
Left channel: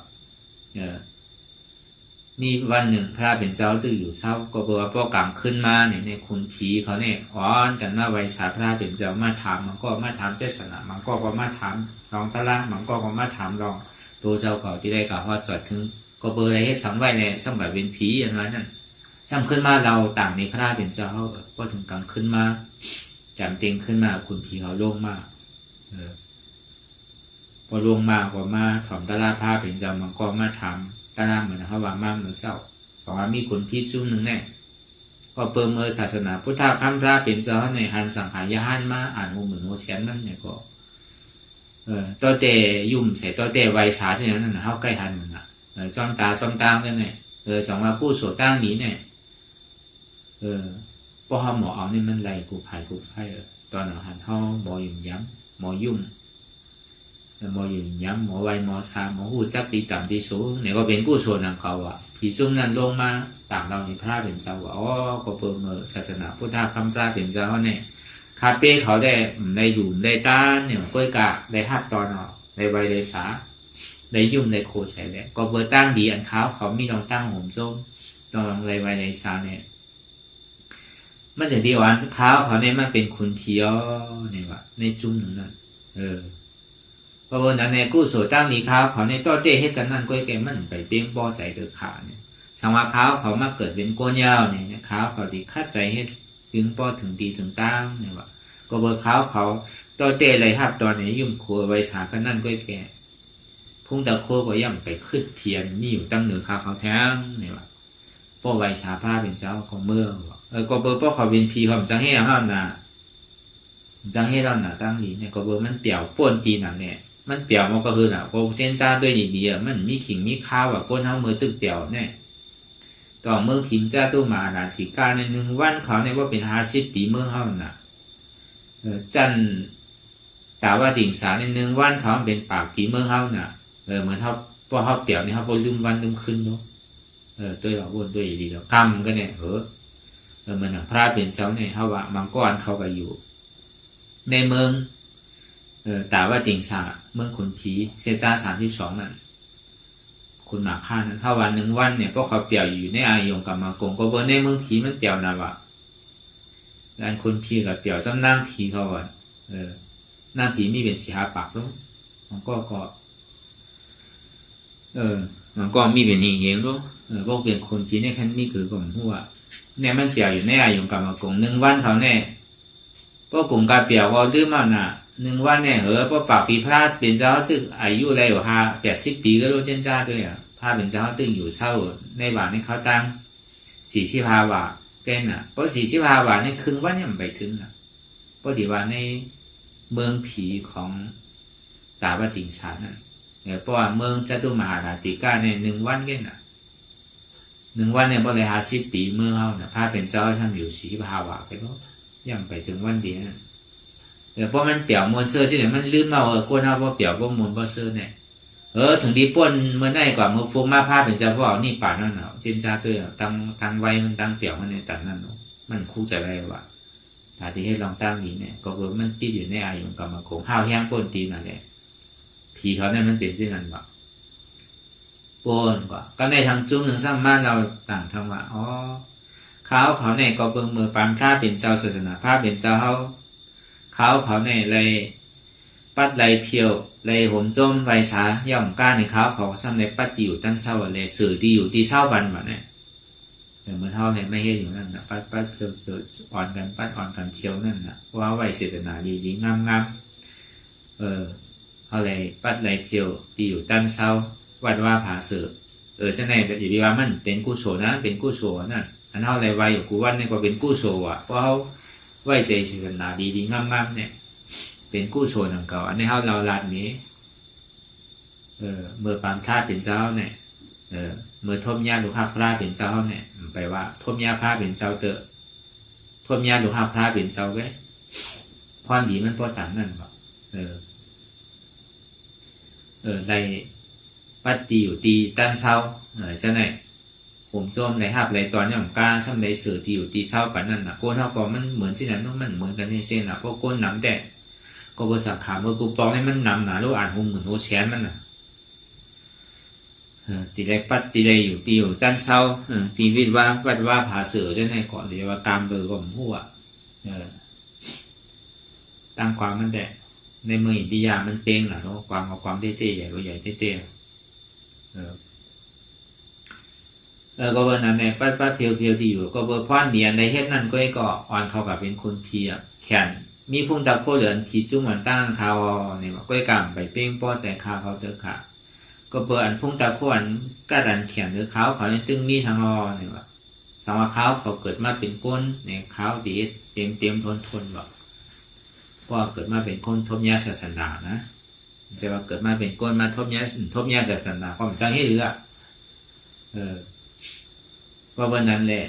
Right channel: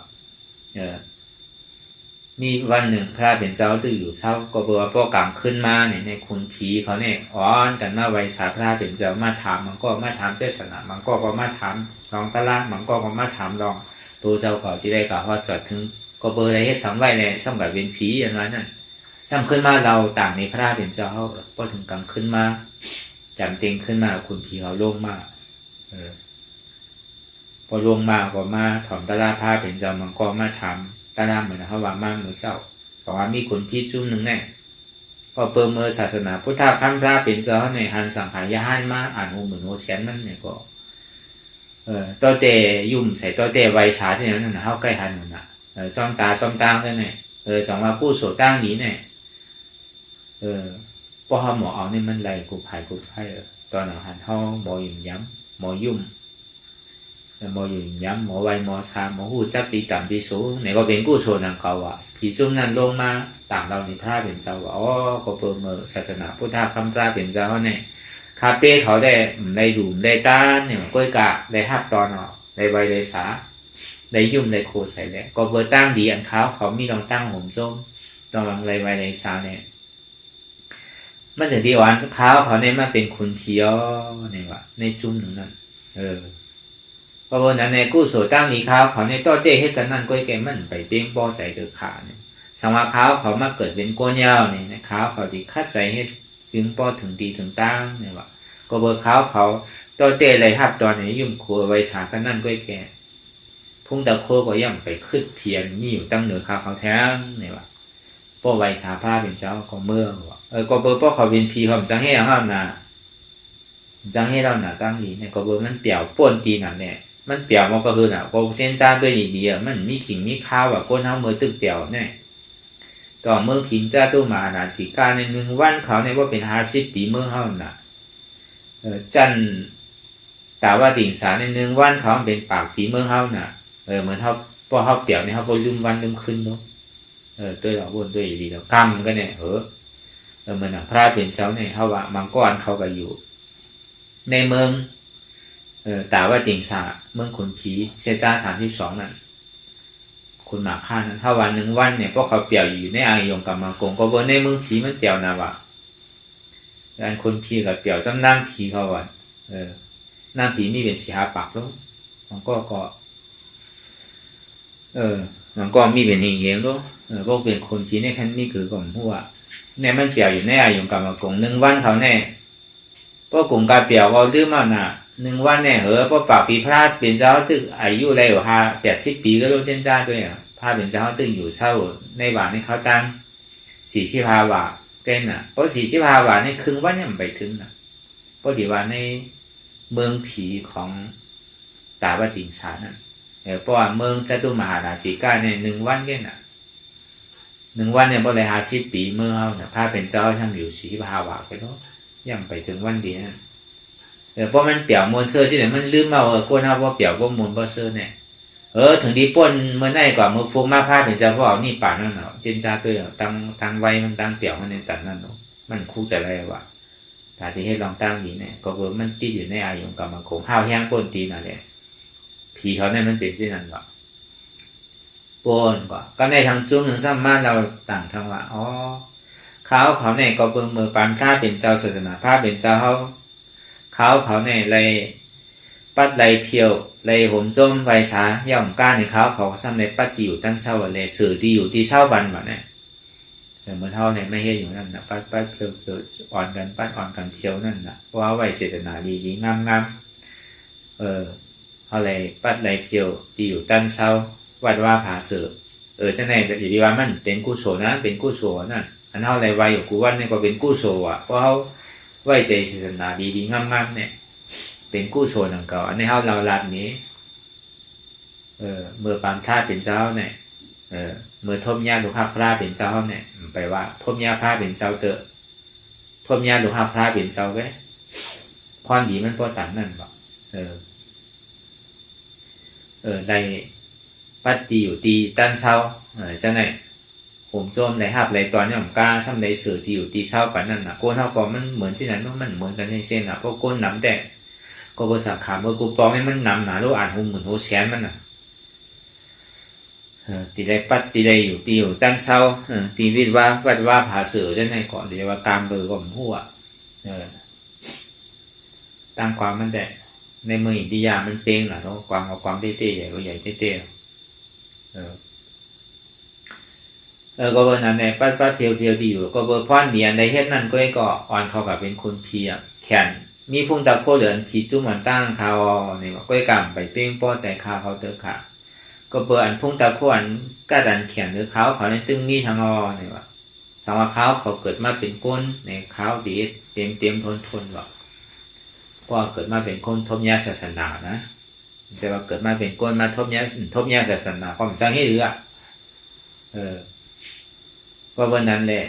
มีวันหนึ่งพระเป็นเจ้าตื่นอยู่เช้าก็บอกว่าพอกลางขึ้นมาเนี่ยในคุณผีเขาเนี่ยอ้อนกันมาไว้สาพระเป็นเจ้ามาถามมันก็มาถามเทศนามันก็มาถามลองกะละมันก็มาถามลองตัวเจ้าเก่าที่ได้กล่าวว่าจอดถึงก็เบอร์อะไรให้สังไว้เนี่ยสังกับเป็นผีอย่างนั้นนั่นสังขึ้นมาเราต่างในพระเป็นเจ้าก็ถึงกลางขึ้นมาจำเต็งขึ้นมาคุณผีเขาลงมาพอลงมาก็มาถอมตะลาพระเป็นเจ้ามันก็มาถามตาลามเหมือนเขาว่ามาเหมือนเจ้าสองว่ามีคนพิจุ่มหนึ่งแน่พอเปิดเมื่อศาสนาพุทธคำพระเป็นเจ้าในหันสังขารยหันมาอ่านหูเหมือนโอเชียนนั่นเนี่ยก็ตัวเตยุ่มใส่ตัวเตไวช้าเช่นนั้นนะเขาใกล้หันมันนะ trong ta cái này chẳngว่ากู้โสตั้งนี้เนี่ยพอเขาหมอเอาเนี่ยมันไหลกูไผ่ตอนนั้นหันเขาหมอยุ่มย้ำหมอยุ่มหมอยุ่มย้ำหมอไวหมอซาหมอหูจับปีต่ำปีสูงไหนก็เป็นกู้โสนังเขาอ่ะผีจุ่มนั้นลงมาต่างเราในพระเป็นเจ้าว่าอ๋อก็เปิดเมื่อศาสนาพุทธคำพระเป็นเจ้าเนี่ยคาเป้เขาได้ในหลุมได้ต้านเนี่ยก้อยกะได้หักตอนได้ไวได้สาได้ยุ่มได้โคใส่แล้วก็เปิดตั้งดีอันเขามีลองตั้งห่มส้มลองไรไวได้สาเนี่ยมันถึงที่วันเขาเนี่ยมันเป็นคุณเพียวเนี่ยวะในจุ่มหนึ่งนั้นเพราะว่านั้นในกู้โสตั้งนี้เขาในต่อเต้ให้กันนั่นก้อยแกมันไปเป้งป้อใจเดือดขาเนี่ยสมาเขามาเกิดเป็นโกนยาวเนี่ยนะเขาที่คัดใจให้ถึงป้อถึงตีถึงตั้งเนี่ยวะก็เบอร์เขาต่อเต้เลยหัดตอนนี้ยุ่มครัวไว้สากันนั่นก้อยแกทุ่งตะโคก็ย่ำไปขึ้นเทียนมีอยู่ตั้งเหนือเขาแท้เนี่ยวะป้อไว้สาพระเป็นเจ้าของเมืองวะก็เบอร์ป้อเขาเป็นพีเขาจังให้ห้ามนะจังให้เราหนาตั้งนี้เนี่ยก็เบอร์มันเปี่ยวป่นตีหนักเนี่ยมันเปี่ยวมันก็คือน่ะก็เส้นจ้าด้วยดีๆมันมีขิงมีข้าวแบบก้นทั้งมือตึกเปี่ยวเนี่ยต่อเมื่อพิงจ้าตู้มาหนาสีกาใน1 วันเขาเนี่ยว่าเป็น50 ปีเมื่อเขาน่ะจันแต่ว่าติ่งสาใน1 วันเขาเป็นปากปีเมื่อเขาน่ะเหมือนเขาพอเขาเปี่ยวเนี่ยเขาพอลืมวันลืมคืนเนาะด้วยเราวนด้วยดีแล้วกรรมก็เนี่ยเหมือนพระเป็นเจ้าเนี่ยเขาว่ามังกรเขาไปอยู่ในเมืองแต่ว่าติ่งสาเมืองขุนผีเสียจ้า32นั่นคุณหมากข้านั้นถ้าวัน1 วันเนี่ยพวกเขาเปี่ยวอยู่ในอายงกับมังกรก็บนในเมืองผีมันเปี่ยวนะวะการคนผีกับเปี่ยวซ้ำน้ำผีเขาวันน้ำผีมีเป็นสีหาปากแล้วมันก็มีเป็นเหี่ยงๆด้วยพวกเป็นคนผีในขั้นมีคือกับหัวเนี่ยมันเปี่ยวอยู่ในอายงกับมังกร1 วันเขาแน่พวกกลุ่มกาเปี่ยวเขาดื้อมาน่ะ1 วันเนี่ยพวกปากผีพาเป็นเจ้าตึกอายุอะไรอยู่80 ปีก็รู้เช่นจ้าด้วยพาเป็นเจ้าตึกอยู่เช่าในบ้านในเขาตั้ง45 บาทเต้นน่ะเพราะ45 บาทในครึ่งวันเนี่ยมันไปถึงน่ะเพราะดีว่าในเมืองผีของตาบติงสานั่นเพราะว่าเมืองจตุมหาราชิกาเนี่ย1 วันแค่น่ะ1 วันเนี่ยพอเลย50 ปีเมื่อเขาน่ะพาเป็นเจ้าช่างอยู่45 บาทไปแล้วยังไปถึงวันดีนั่นเพราะมันเปี่ยวมวลเสื้อที่ไหนมันลืมมาโคนเขาว่าเปี่ยวว่ามวลบ่เสื้อเนี่ยถึงดีป่นเมื่อไหร่ก่อนมือฟูมาผ้าเป็นเจ้าพ่อนี่ป่านั่นเนาะเจนจ้าตัวตั้งไว้มันตั้งเปี่ยวมันในตัดนั่นเนาะมันคู่ใจอะไรวะแต่ที่ให้ลองตั้งนี้เนี่ยก็ว่ามันติดอยู่ในอายงกรรมโขงห้าวแห้งป่นตีนั่นแหละผีเขาเนี่ยมันเป็นเช่นนั้นวะป่นกว่าก็ในทางจุ้งหนึ่งซ้ำมาเราต่างทางว่าเขาเนี่ยก็เบิ่งมือปานข้าเป็นเจ้าศาสนาผ้าเป็นเจ้าเขาเนี่ยเลยปัดเลยเพียวเลยห่มจมไวสาย่อมก้าในเขาซ้ำในปัดอยู่ตั้งเศร้าเลยสื่อดีอยู่ที่เศร้าบันแบบนี้เหมือนเท่าเนี่ยไม่เห็นอยู่นั่นนะปัดเพียวอ่อนกันปัดอ่อนกันเพียวนั่นนะว่าไวเสตนาดีงามเขาเลยปัดเลยเพียวดีอยู่ตั้งเศร้าวัดว่าผาสื่อใช่ไหมแต่อย่าดีว่ามันเป็นกุศลนะเป็นกุศลนั่นอันเท่าไรไวอยู่กูวันนี่ก็เป็นกุศลอ่ะเพราะเขาไว้ใจศาสนาดีงามๆเนี่ยเป็นกู้โซนของเขาอันนี้เราลาดนี้เมื่อปานท่าเป็นเจ้าเนี่ยเมื่อทมยาหลวงพ่อพระเป็นเจ้าเนี่ยไปว่าทมยาพระเป็นเจ้าเตอะทมยาหลวงพ่อพระเป็นเจ้าไว้พรดีมันพอต่างนั่นหรอกในปัตติอยู่ตีตั้นเศร้าใช่ไหมผมโจมในหับในตอนนี้ผมกล้าซ้ำในสื่อที่อยู่ตีเศร้ากันนั่นนะโกนเท่าก่อนมันเหมือนที่นั้นมันเหมือนกันเช่นๆนะเพราะโกนหนำแต่ก็บริษัทขาเมื่อกูปองให้มันนำหนาลูกอ่านหุ่นเหมือนโฮแชนมันน่ะตีได้ปัดตีได้อยู่ตีอยู่ตั้งเศร้าตีวิทย์ว่าวัดว่าผาเสือใช่ไหมก่อนเดี๋ยวว่าตามเบอร์ของหัวตั้งความมันแต่ในเมืองอินเดียมันเป็นหรอเนาะความเอาความเต้ๆใหญ่ก็ใหญ่เต้ๆก็วันนั้นในปัดเพียวที่อยู่ก็เบอร์พ่อนเนียนในเฮ็ดนั่นก็อ่อนเขากับเป็นคนเพียแขนมีพุ่งตะโคเหลือนผีจุ่มมันตั้งคาวเนี่ยก็กำไปเป้งป้อใจคาเขาเตอค่ะก็เบอร์อันพุ่งตะโคอันกระดันเขียนหรือเขาในตึงมีทางเนี่ยว่าสาวเขาเกิดมาเป็นก้นในเขาดีเต็มทนหรอกเพราะเกิดมาเป็นคนทบยาศาสนานะจะว่าเกิดมาเป็นก้นมาทบยาศาสนาก็มันจังให้เรือ ก็วันนั้นแหละ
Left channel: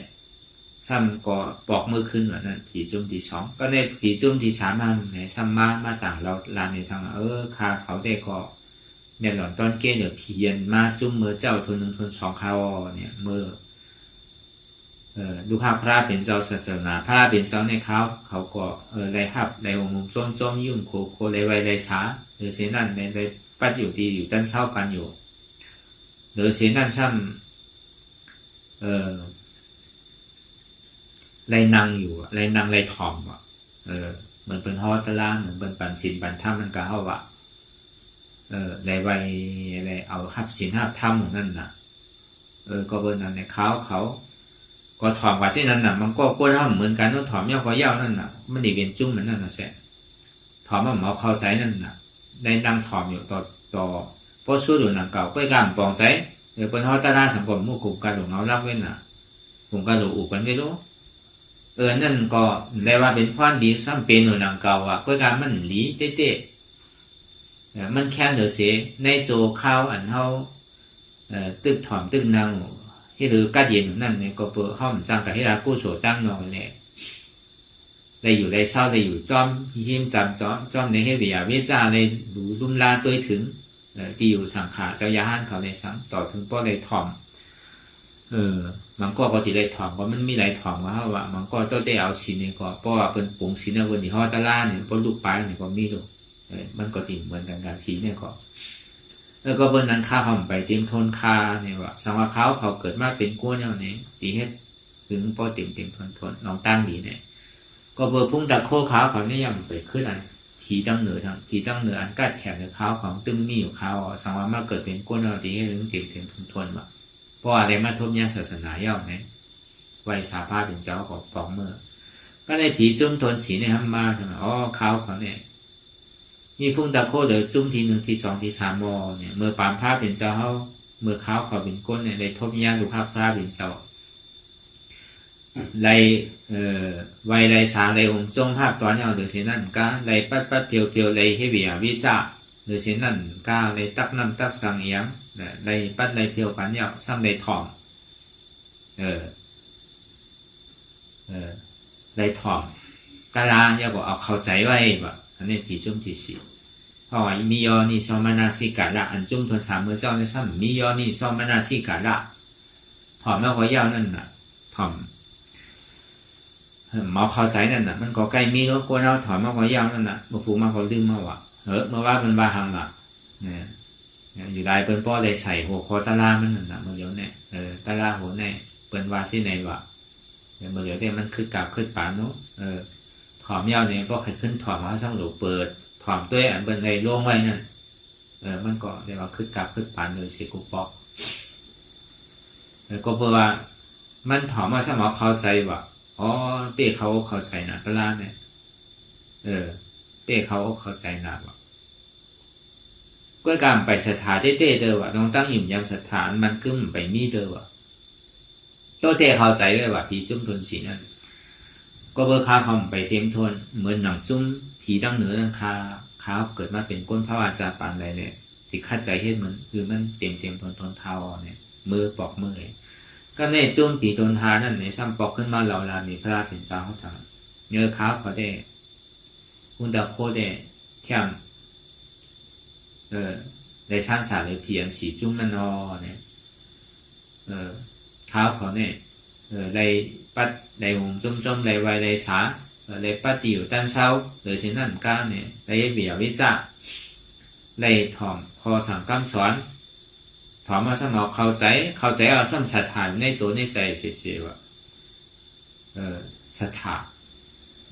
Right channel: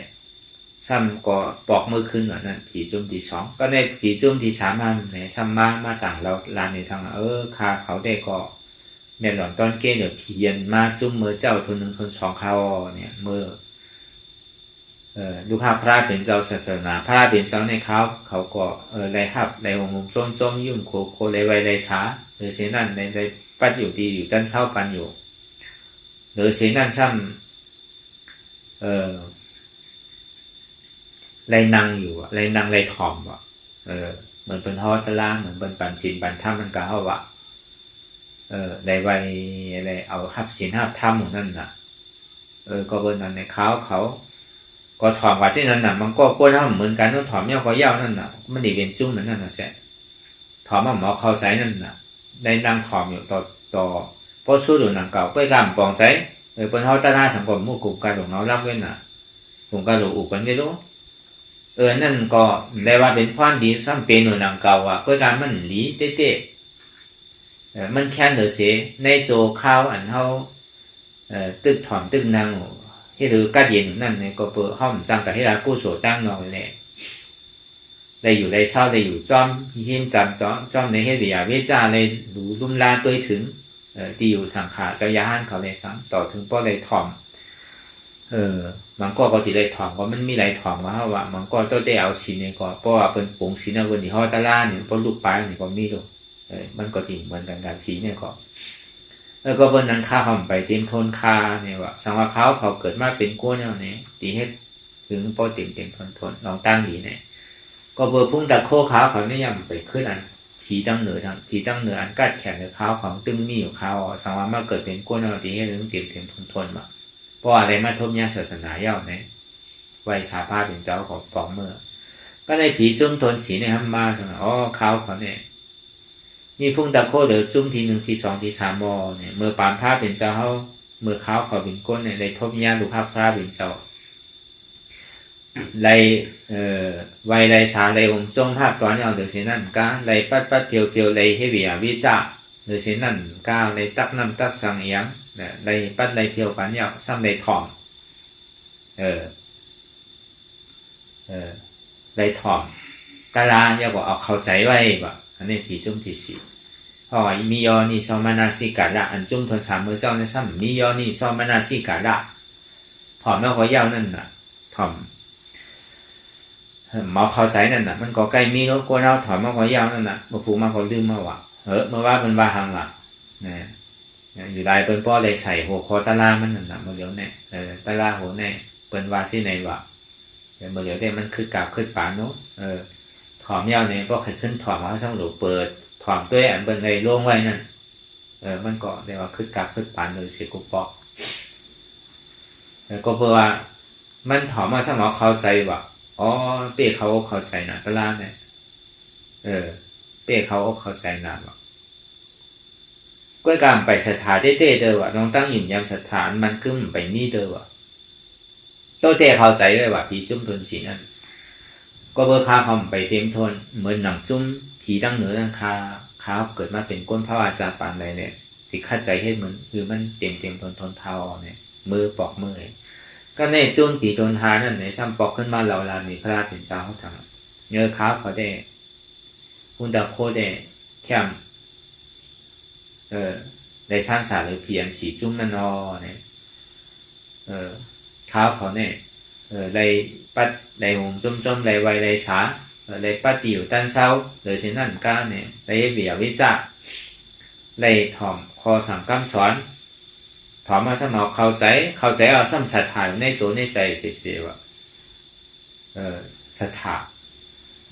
ซ้ำก็ปอกมือขึ้นว่านั้นผีจุ่มที่2ก็ในผีจุ่มที่3มาในซ้ำมาต่างเราลานในทางคาเขาได้ก็แม่หลอนตอนเก้เนี่ยผียันมาจุ่มมือเจ้าทน1ทน2เขาเนี่ยมือดูภาพพระเป็นเจ้าศาสนาพระเป็นเจ้าในเขาก็ได้ฮับได้องค์จมยุ่งโคเลยไว้เลยสาหรือเช่นนั้นในปัดอยู่ดีอยู่ด้านเศร้าปันอยู่หรือเช่นนั้นซ้ำไรนั่งอยู่ไรนั่งไรถ่อมว่ะเหมือนเป็นฮอตะล่าเหมือนเป็นปั่นศีลปั่นธรรมมันก็เฮาว่ะได้ไว้อะไรเอาฮับศีลฮับธรรมของนั่นน่ะก็เบิ่นนั้นในเขาก็ถ่อมว่าเช่นนั้นน่ะมันก็ควรทำเหมือนกันนั่นถ่อมเนี่ยก็ยาวนั่นน่ะมันได้เป็นจุ้มเหมือนนั่นน่ะแซ่ถ่อมหมอเข้าใจนั่นน่ะได้นั่งถ่อมอยู่ต่อพอสู้อยู่นั่งเก่าก็กำปองใจเป็นฮอตะล่าสังคมหมู่กลุ่มการหลงเงาลักเว้นน่ะกลุ่มการหลงอุกันไม่รู้นั่นก็ได้ว่าเป็นความดีซ้ำเป็นหนังเก่าอ่ะก็การมันหลีเต้มันแค่นเดือเสียในโจข้าวอันเฮาตึกถอมตึกนางให้ดูกัดเย็นนั่นเนี่ยก็เปิดห้องจังกับให้รากู้โสตั้งนอนแหละได้อยู่ได้เศร้าได้อยู่จอมหิมจำจอมในให้เบียเวจ้าเลยดูลุ่มลาตัวถึงที่อยู่สังขาเจ้ายาห้านเขาในสังต่อถึงป้อได้ถอมมันก็ติได้ถ่อมว่ามันมีหลายถ่อมว่ามันก็ต้องได้เอาศีลนี่ก็เพราะว่าเพิ่นปรุงศีลวันที่ฮอตะล่าเนี่ยเพราะลูกปลายนี่ก็มีดูมันก็ติเหมือนกันกับผีเนี่ยก็ก็เบิ่นนั้นค่าห่อมไปเต็มทนคาเนี่ยว่าสังว่าเขาเกิดมาเป็นกู้แนวนี้ตีเฮ็ดถึงพอเต็มทนลองตั้งดีเนี่ยก็เบิ่พุ่งตะโคขาวเขาเนี่ยยังไปขึ้นอันผีตั้งเหนืออันกัดแขนกับขาวของตึงมีอยู่ขาวสังว่ามาเกิดเป็นกู้แนวตีเฮ็ดถึงเต็มทนว่าเพราะอะไรมาทบยาศาสนาเย่าเนี่ยไว้สาภาพเป็นเจ้าของปองเมื่อก็ได้ผีจุ้มทนสีในห้ำมาถึงเขาเนี่ยมีฟุ้งตะโคเดือจุ้มที1ที2ที3มอเนี่ยเมื่อปามภาพเป็นเจ้าเขาเมื่อเขาเป็นก้นเนี่ยได้ทบยาบุภาพพระเป็นเจ้าไรไวไรสาไรองค์จงภาพตอนเอาเดือดเสียนั่นก็ไรปัดเพียวไรให้เบียวิจ้าเดือดเสียนั่นก็ไรตักน้ำตักสังเอียงไรปัดไรเพียวปันยาวซ้ำไรถ่อมไรถ่อมตาลาอย่าบอกเอาเข้าใจไว้แบบอันนี้ผีจุ่มที่4เพราะว่ามียอนี่ซอมานาสิกาละอันจุ่มทน3มือเจ้าในซ้ำมียอนี่ซอมานาสิกาละถ่อมแล้วก็ยาวนั่นน่ะถ่อมหมอเข้าใจนั่นน่ะมันก็ใกล้มีโลโก้แล้วถ่อมแล้วก็ยาวนั่นน่ะบ่ผูกมาก็ลืมมาว่าเมื่อว่ามันว่าหังล่ะนะอยู่ลายเปิ้นป้อเลยใส่หัวคอตะลามันนั่นน่ะบ่เดี๋ยวแน่ตะลาโหแน่เปิ้นว่าสิไหนวะเดี๋ยวบ่เดี๋ยวได้มันคือกราบขึ้นปานเนาะถ่อมยาวเนี่ยก็ขึ้นถ่อมเฮาซังหลูเปิดถ่อมด้วยอันเปิ้นได้ลงไว้นั่นมันก็ได้ว่าคือกราบขึ้นปานเลยสิกุปอกก็เพื่อว่ามันถ่อมมาซังเข้าใจว่าเป้เขาเข้าใจน่ะตะลาเนี่ยเป้เขาเข้าใจน่ะว่าก็การไปสถานเต้เด้อว่าน้องตั้งอิ่มยามสถานมันขึ้นไปนี่เด้อว่าเจ้าเต้เข้าใจเลยว่าผีจุ้มทนสีนั่นก็เบอร์คาคอมไปเต็มทนเหมือนหนังจุ้มผีตั้งเหนือตั้งคาขาวเกิดมาเป็นก้นพระวาจาปานใดเนี่ยที่คัดใจเฮ็ดเหมือนคือมันเต็มทนเท้าเนี่ยมือปอกมือก็ในจุ้มผีทนทานั่นในซ้ำปอกขึ้นมาเหล่าลามีพระเป็นเจ้าเขาทำเนื้อขาวเขาได้หุ่นดาโคได้แคมได้สร้างสารเลยเพียนสีจุ้มนั่นเนี่ยข้าวเขาเนี่ยไรปัดไรหงจมไรไวไรสาไรปัดติวตันเศร้าหรือเช่นนั้นก้าเนี่ยไรเบียวิจาไรถ่อมคอสั่งกำสอนถ่อมมาสมองเข้าใจเอาซ้ำศรัทธาในตัวในใจเสียว่าศรัทธา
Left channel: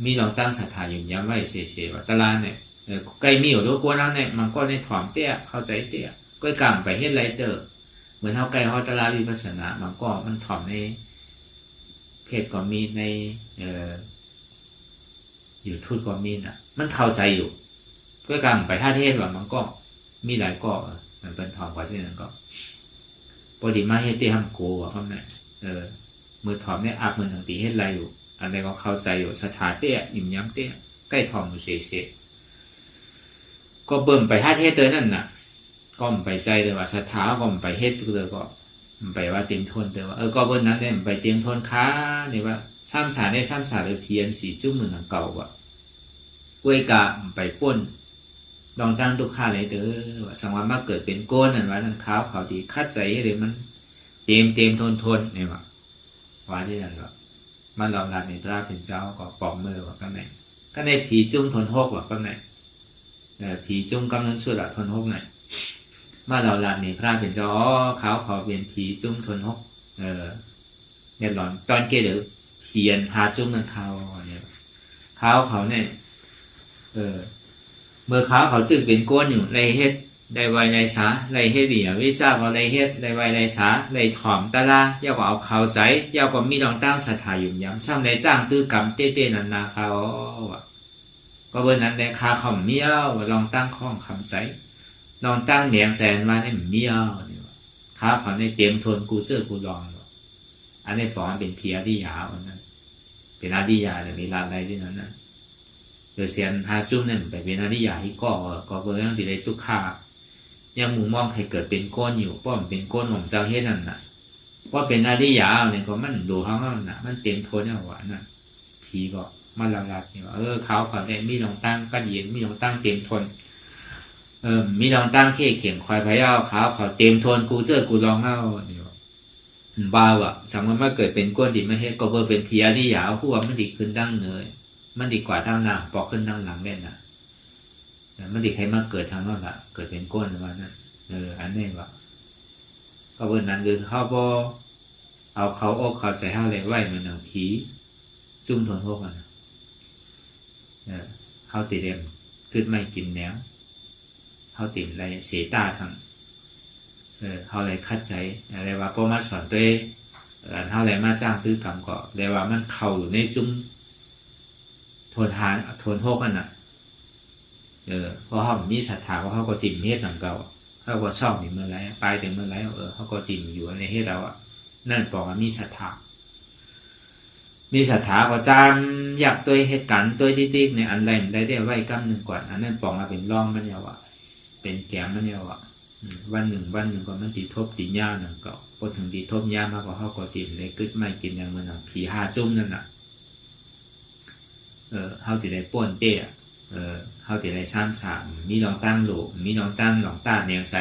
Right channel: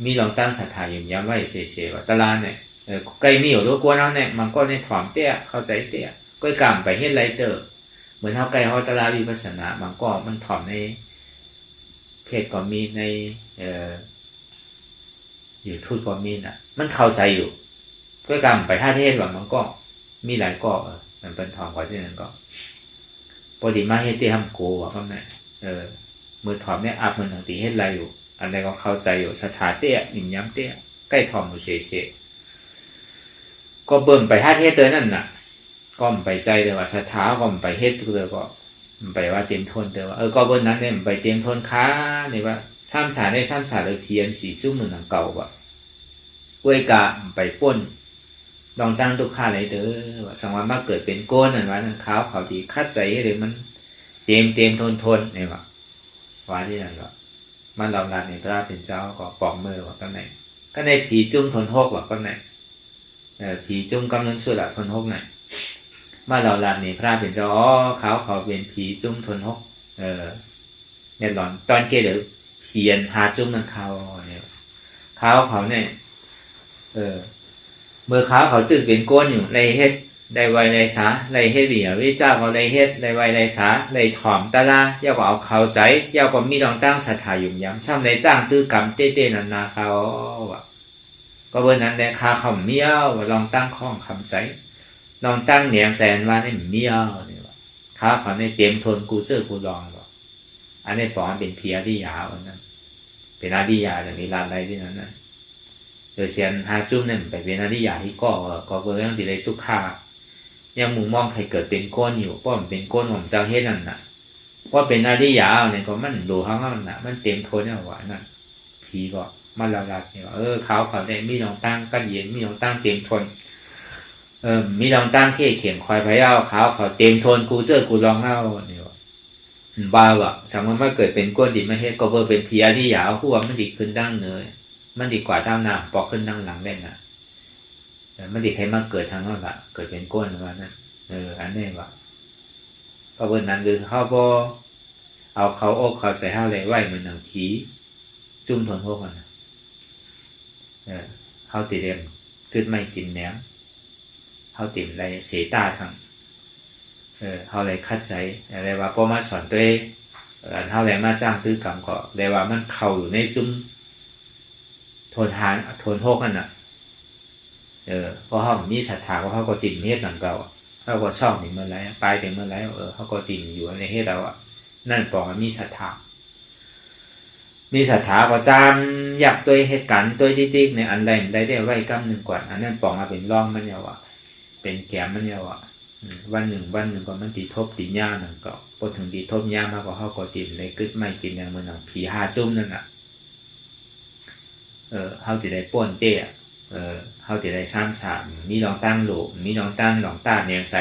มีลองตั้งศรัทธาอยู่ย้ำไว้เสียว่าตลาดเนี่ยใกล้มีอยู่รู้กว่านั้นเนี่ยมันก็ในถ่อมเตี้ยเข้าใจเตี้ยก็กำไปเฮ็ดไรเตอร์เหมือนเฮาใกล้เฮาตลาดวิปัสสนามันก็มันถ่อมในเพศก็มีในอยู่ทูตก็มีน่ะมันเข้าใจอยู่ก็กำไปท่าเทศว่ามันก็มีหลายก็มันเป็นถ่อมก็เช่นนั้นก็ปกติมาเฮ็ดเตี้ยทำโกว่าเขาเนี่ยมือถ่อมเนี่ยอัพมันตั้งตีเฮ็ดไรอยู่อันใดก็เข้าใจอยู่สถาเตี้ยอิ่มย้ำเตี้ยใกล้ถ่อมอยู่เฉยก็เบิ่มไปท่าเทศเตอนั่นน่ะก็ไปใจเลยว่าสถาก็ไปเฮ็ดเลยก็ มันไปว่าเตรียมทนแต่ว่าก็บนนั้นเนี่ยมันไปเตรียมทนค้าเนี่ยว่าซ้ำสาได้ซ้ำสาเลยเพียนสีจุ่มหนึ่งเก่าว่ะก้วยกะไปป้นลองตั้งทุกข้าเลยเด้อว่าสังวามาเกิดเป็นก้นนั่นว่านั่นขาวเขาดีคัดใจให้เลยมันเตรียมทนเนี่ยว่าที่นั่นว่ามันเราลัดในพระเป็นเจ้าก็ปอกมือว่าก็ไหนก็ในผีจุ่มทนหกว่าก็ไหนผีจุ่มกำลังสุดละทนหกไหนมาเราลัดในพระเป็นเจ้าขาวเขาเป็นผีจุ่มทนหกเนี่ยหลอนตอนเกเดี๋ยวเขียนหาจุ่มนั่นเนี่ยเขาเนี่ยเมื่อเขาตื่นเป็นก้นอยู่ในเฮ็ดในวัยในสาในเฮ็ดเบียวิจารเขาในเฮ็ดในวัยในสาในถ่อมตะลาย่าก็เอาเขาใจย่าก็มีดองตั้งศรัทธาอยู่ย้ำซ้ำในจ้างตื้อกำเต้ๆนาเขาก็เบอร์นั้นในคาเขาเมียวลองตั้งข้องคำใจลองตั้งเหนียงแสนว่าในเมียวนี่ว่าเขาเขาในเตรียมทนกูเจอกูลองบอกอันนี้ปอนเป็นเพียที่ยาวนะเป็นอาทิยาจะมีลานอะไรที่นั้นนะโดยเสียนหาจุ่มเนี่ยไปเป็นอาทิยาที่ก็เบอร์ยังติดในตุกขายังมุมมองใครเกิดเป็นก้นอยู่ป้อมเป็นก้นของเจ้าเฮ็ดนั่นน่ะว่าเป็นอาทิยาเนี่ยก็มันดูเขาว่ามันน่ะมันเต็มทนเนี่ยว่านั่นผีก็มันละลัดเนี่ยเขาได้มีลองตั้งกันเย็นมีลองตั้งเต็มทนมีลองตั้งเข่เขียนคอยพยาเขาเต็มทนกูเจอกูลองเอาเนี่ยบ้าว่ะสมมติว่าเกิดเป็นก้นดิไม่เฮ็ดก็เบอร์เป็นผีอาทิยาผู้ว่ามันดีขึ้นดั้งเนยมันดีกว่าทางหน้าปอกขึ้นทางหลังได้นะมันดีใครมาเกิดทางนั้นละเกิดเป็นก้นว่านั่นอันนี้ว่าก็เบอร์นั้นคือเขาพอเอาเขาอกเขาใส่ห้าเลยไหวมันหนังผีจุ่มทนพวกมันเขาติดเรียมขึ้นไม่กินแหนมเขาติดอะไรเสียตาทางเขาเลยคัดใจอะไรว่าพอมาสอนตัวเขาเลยมาจ้างตื้อกรรมก็เลยว่ามันเข่าอยู่ในจุ่มทนหกนั่นน่ะเพราะเขามีศรัทธาเขาก็ติดเฮ็ดนั่นเก่าเขาก็ชอบถึงเมื่อไรปลายถึงเมื่อไรเขาก็ติดอยู่ในเฮ็ดเรานั่นปองมีศรัทธาก็จำอยากตัวเหตุการณ์ตัวที่ในอันใดได้ไว้กำหนึ่งก่อนอันนั้นปองเป็นร่องมันยาวเป็นแกมมันยาววันหนึ่งก็มันติดทบติดย่าหนึ่งก็พอถึงติดทบย่ามาก็เขาก็ติดเลยกึศไม่กินอย่างมันหนังผีหาจุ่มนั่นน่ะเขาติดได้ป้วนเต้เขาติดได้ซ้ำสามมีลองตั้งโหลมีลองตั้งหลองตาเนียงไซ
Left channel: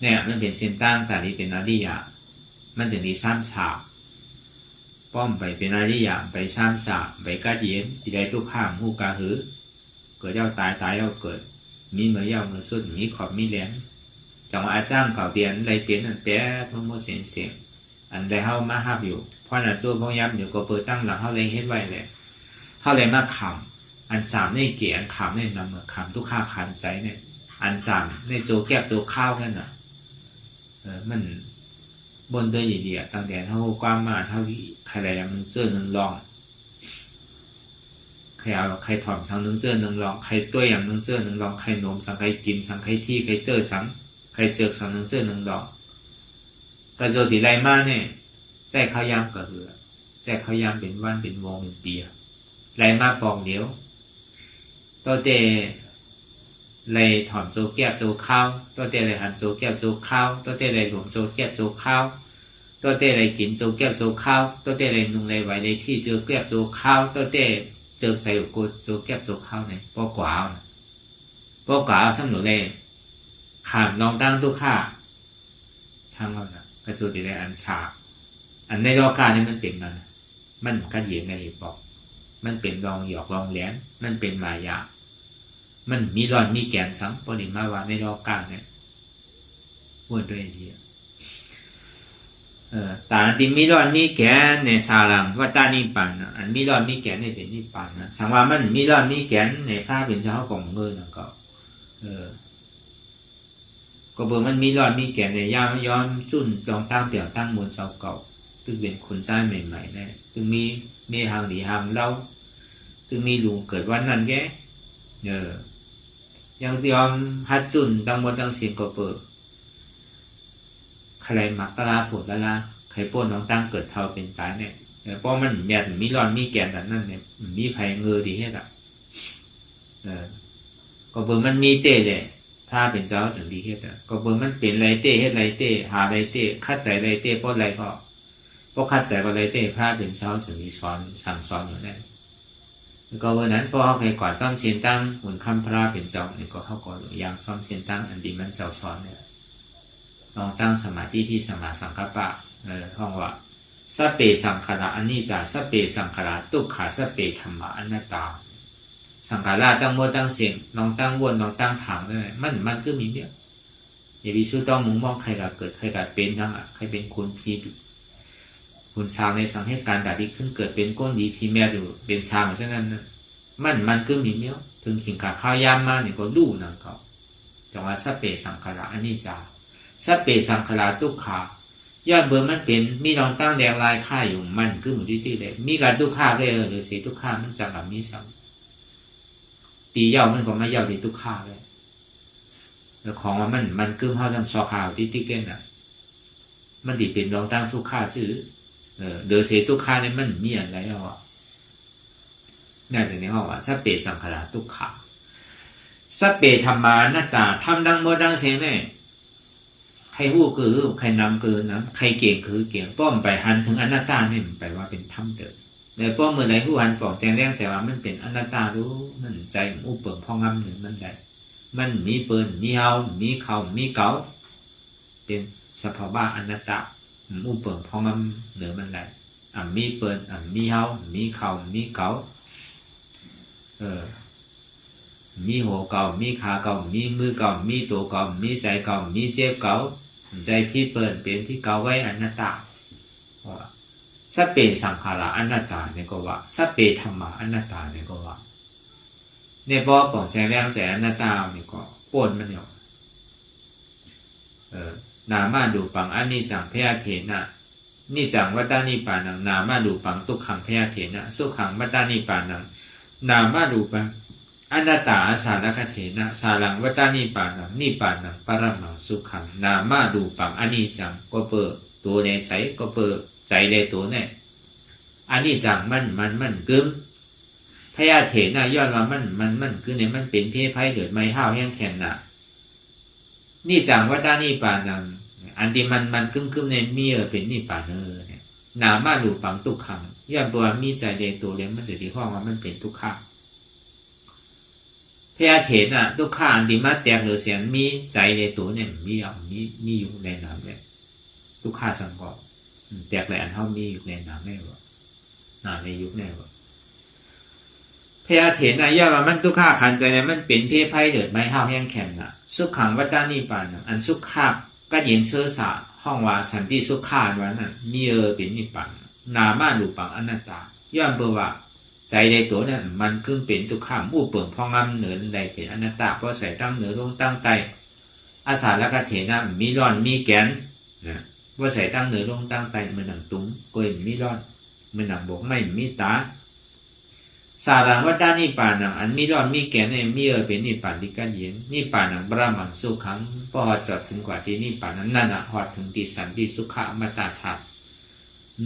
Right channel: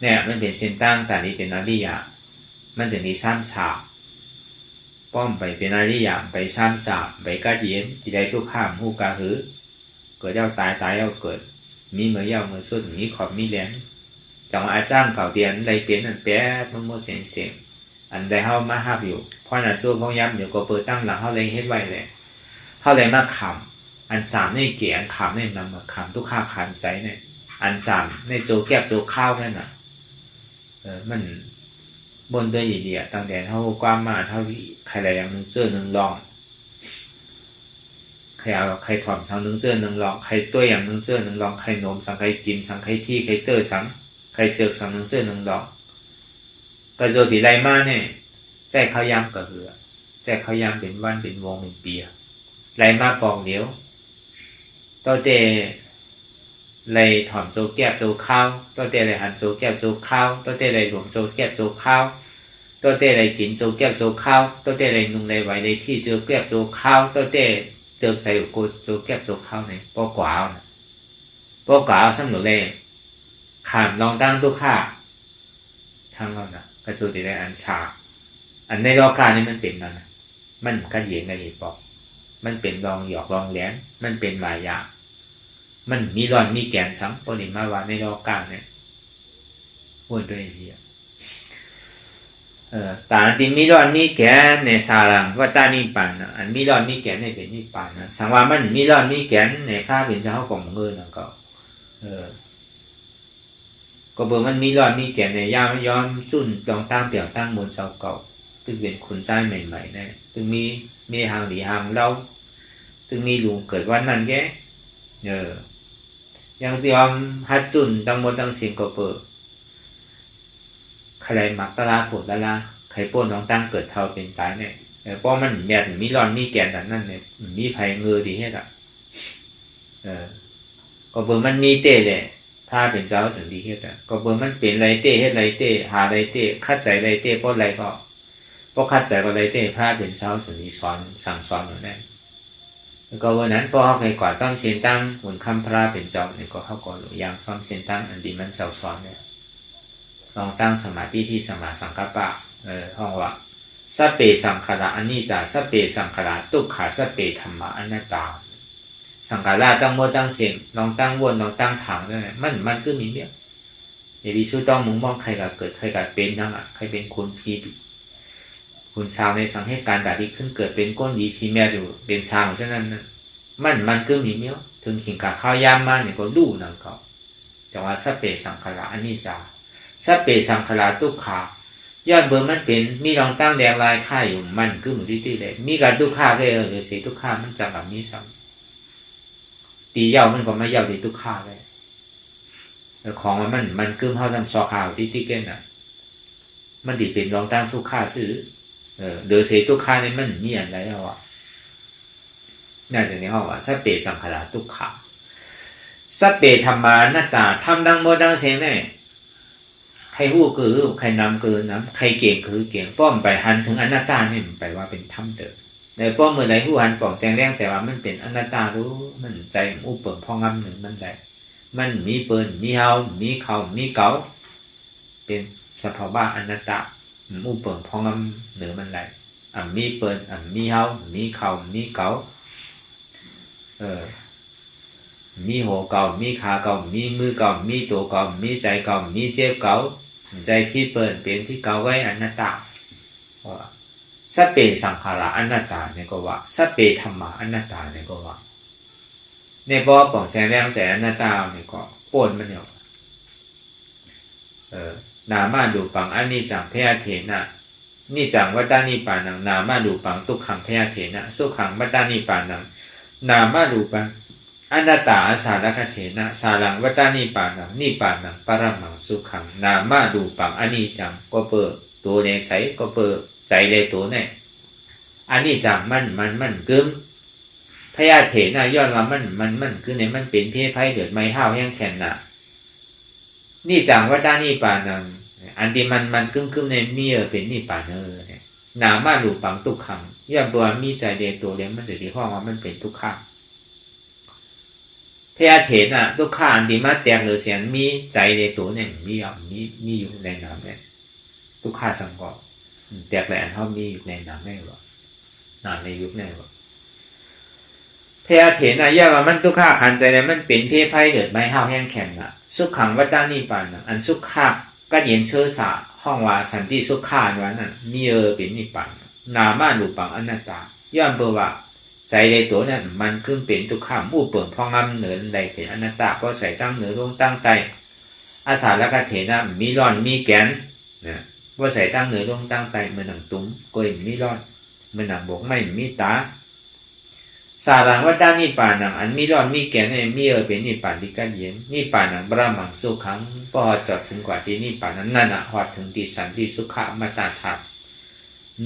เนี่ยมันเป็นเส้นตั้งแต่นี้เป็นอาริยะมันจะมีซ้ำสามป้อมไปเป็นอาริยะไปซ้ำสามไปกัดเย็นติดได้ทุกข้ามหูกาหือเกิดเย้าตายเอาเกิดมีเมื่อเย้าเมื่อสุดมีขอบมีแหลนจังอาจารย์เก่าเตียนไรเปลี่ยนอันแปะมันโมเสียงอันใดเข้ามาห้าอยู่เพราะนั่นโจ้พงย้ำเดี๋ยวก็เปิดตั้งหลังเขาเลยเฮ็ดไว้เลยเขาเลยมาขำอันจามในเกี่ยอันขำในนำมาขำทุกข้าขันใจเนี่ยอันจามในโจแก้วโจข้าวแค่น่ะมันบนด้วยดีๆตั้งแต่เท่ากว้างมาเท่าที่ใครอะไรอย่างนึงเสื้อนึงลองใครถอมสังนึงเสื้อนึงลองใครตัวอย่างนึงเสื้อนึงลองใครโน้มสังใครกินสังใครที่ใครเตอร์สังใครเจอสังนึงเสื้อนึงลองแต่โจตีไรมาเนี่ยใจเขาย้ำก็คือใจเขาย้ำเป็นวันเป็นวงเป็นปีไรมาปองเดียวตัวเตะไรถอมโจแก้วโจข้าวตัวเตะไรหันโจแก้วโจข้าวตัวเตะไรหลวงโจแก้วโจข้าวตัวเตะไรกินโจแก้วโจข้าวตัวเตะไรนุ่งไรไหวไรที่โจแก้วโจข้าวตัวเตะเจอใจอยู่กูโจแก้วโจข้าวเนี่ยปอกว่าสั่งหนูเลยขามลองตั้งทุกข้าทั้งเรานะกระจุดในอันชาอันในรอการนี่มันเป็นนั่นมันกระเยียงกระเหตุบอกมันเป็นลองหยอกลองแหลมมันเป็นหลายอย่างมันมีรอนมีแกนซ้ำปนิมาว่าในรอการเนี่ยพูดด้วยดีตาติมีรอนมีแกนในสารังว่าตานิปันอันมีรอนมีแกนในเป็นนิปันนะสังว่ามันมีรอนมีแกนในพระเป็นเจ้าของเงินก็ก็เบอร์มันมีรอนมีแกนในย้อมจุ่นลองตั้งเปี่ยวตั้งบนเจ้าเก่าตึงเป็นขุนใจใหม่ๆเนี่ยตึงมีหางหลีหางเล่าตึงมีหลวงเกิดวันนั้นแกยังยอมฮัดจุ่นตั้งบนตั้งเสียงก็เปิดใครหมักตะลาผดตะลาใครป้นลองตั้งเกิดเท่าเป็นตายเนี่ยเพราะมันแบบมีรอนมีแกนแต่นั่นเนี่ยมีไผ่เงือดีเฮ็ดก็เบอร์มันมีเตะเลย พระเป็นเจ้าถึงดีเฮ็ดก็เบิ่งมันเป็นไรเต้เฮ็ดไรเต้หาไรเต้คัดใจไรเต้เพราะอะไรก็เพราะคัดใจก็ไรเต้พระเป็นเจ้าถึงดีสอนสั่งสอนเหมือนนั้นแล้วก็วันนั้นพอเขาเคยกว่าซ่อมเชียนตั้งบนคำพระเป็นเจ้าเนี่ยก็เขาก็อย่างซ่อมเชียนตั้งอันดีมันเจ้าสอนเนี่ยลองตั้งสมาธิที่สมาสังกัปปะห้องว่าสัพเพสังขาระอนิจจาสัพเพสังขาระทุกขาสัพเพธรรมะอนัตตาสังขาราตั้งโมตั้งเสียงลองตั้งวนลองตั้งถังด้วยมันก็มีเนี่ยเดี๋ยววิสุทธิ์ต้องมุงมองใครก็เกิดใครก็เป็นทั้งใครเป็นคนพีดคุณชาวในสังเหตุการณ์ใดที่ขึ้นเกิดเป็นก้นดีพีแม่อยู่เป็นชาวฉะนั้นมันก็มีเนี่ยถึงขิงกับข้าวยามมาเนี่ยก็ดูนั่นก็แต่ว่าสัพเพสังขาระอนิจจาสัพเพสังขาระทุกขายอดเบอร์มันเป็นมีลองตั้งแดงลายค่าอยู่มันคือหมุนที่เลยมีการทุกข้าก็เดี๋ยวเสียทุกข้ามันจังกับมีซ้ำตีเย้ามันก็ไม่เย้าดีทุกข้าเลยแต่ของมันคือเขาทำซอข่าวที่เก่งอ่ะมันติดเป็นลองตั้งสู้ข้าซื้อเดี๋ยวเสียทุกข้าเนี่ยมันมีอะไรอ่ะน่าจะในห้องว่าสัพเพสังขาระทุกขาสัพเพธรรมานัตตาทำดังโมดังเสียงเนี่ยใครหู้คือใครนำคือนะใครเก่งคือเก่งป้อมไปหันถึงอนัตตาเนี่ยมันแปลว่าเป็นธรรมเติมในป้อมเมื่อใดหู้หันปองแจงแรงใจว่ามันเป็นอนัตตารู้มันใจอุปเปิงพองำหนึ่งมันได้มันมีเปิลมีเฮามีเขามีเก๋าเป็นสภาวะอนัตตาอุปเปิงพองำหนึ่งมันได้มีเปิลมีเฮามีเขามีเก๋ามีหัวเก่ามีขาเก่ามีมือเก่ามีตัวเก่ามีใจเก่ามีเจ็บเก่าใจพี่เปิดเป็นพี่เก่าไว้อนัตตาสัพเพสังขาระอนัตตาเนี่ยก็ว่าสัพเพธรรมะอนัตตาเนี่ยก็ว่าในบ่อป่องแสงแรงแสงอนัตตาเนี่ยก็ปนมันเนี่ยนามาดูปังอนิจจังพยาเถนะนิจังวัฏฏานิปานังนามาดูปังทุกขังพยาเถนะสุขังวัฏฏานิปานังนามาดูปังอนัตตาอาสาลคเถนะสารังวัฏฏานิปานังนิปานังปรมังสุขังนามาดูปังอนิจจังก็เปิดตัวในใจก็เปิดใจในตัวเนี่ยอนิจจังมันกึมพยาเถนะย้อนว่ามันคือในมันเป็นเพศไพ่เกิดไม่ห้าวแห้งแข็งน่ะนี่จังวัฏฏานิปานังอันที่มันกึมในมีเป็นนิปานังเนี่ยนามาดูปังทุกขังย่าบัวมีใจในตัวเลยมันจะที่ห้องว่ามันเป็นทุกขังพยาเถนะทุกข้าอันที่มาแตกหรือเสียงมีใจในตัวเนี่ยมีอยู่ในน้ำเนี่ยทุกข้าสังกัดแตกแหลนเท่ามีอยู่ในน้ำแน่หรอน้ำในยุคแน่หรอพยาเถนะย่าว่ามันทุกข้าขันใจเลยมันเป็นเพศไพ่เกิดไม่ห้าวแห้งแข็งน่ะสุขขังวัฏฏานิปานังอันสุขข้าก็เย็นเชื้อสาห้องว่าสันติสุขข้าวันนั้นมีเป็นนิปานนามาดูปังอนัตตาย่อมเบว่าใจในตัวนั้นมันขึ้นเป็นทุกข้ามมู่เปิ่งพองำเหนือใดเป็นอนัตตาเพราะใส่ตั้งเหนือลงตั้งใจอาสาลกเถนะมีร่อนมีแกนนะว่าใส่ตั้งเหนือลงตั้งใจมันหนังตุ้มก็ยังมีร่อนมันหนังบกไม่มีตาสารังวัฏฏานิปานังอันมีร่อนมีแกนเนี่ยมีเป็นนิปานที่กันเย็นนิปานังบรมังสุขังพอจอดถึงกว่าที่นิปานั้นนั่นหอดถึงที่สันติสุขะมัตตาธาตุ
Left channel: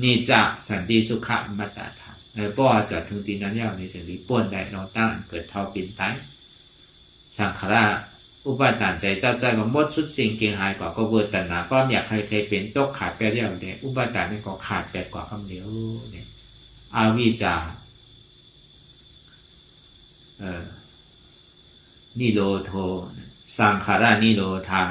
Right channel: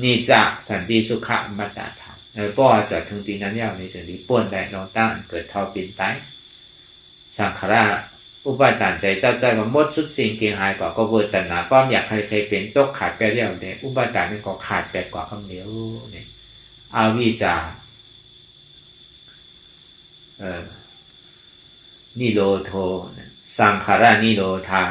นิจสันติสุขะมัตตาธาตุป้อจอดถึงตีนั้นยาวในสิ่งที่ป่วนได้เราตั้งเกิดทอปินตายสังขารอุปาทานใจเจ้าใจกับมดสุดสิ่งเกียงหายก่อก็เวทนาความอยากใครเป็นตกขาดไปเรียวเด็กอุปาทานนี่ก็ขาดไปกว่าคำเดียวเนี่ยอาวิจานิโรโทสังขารานิโรธา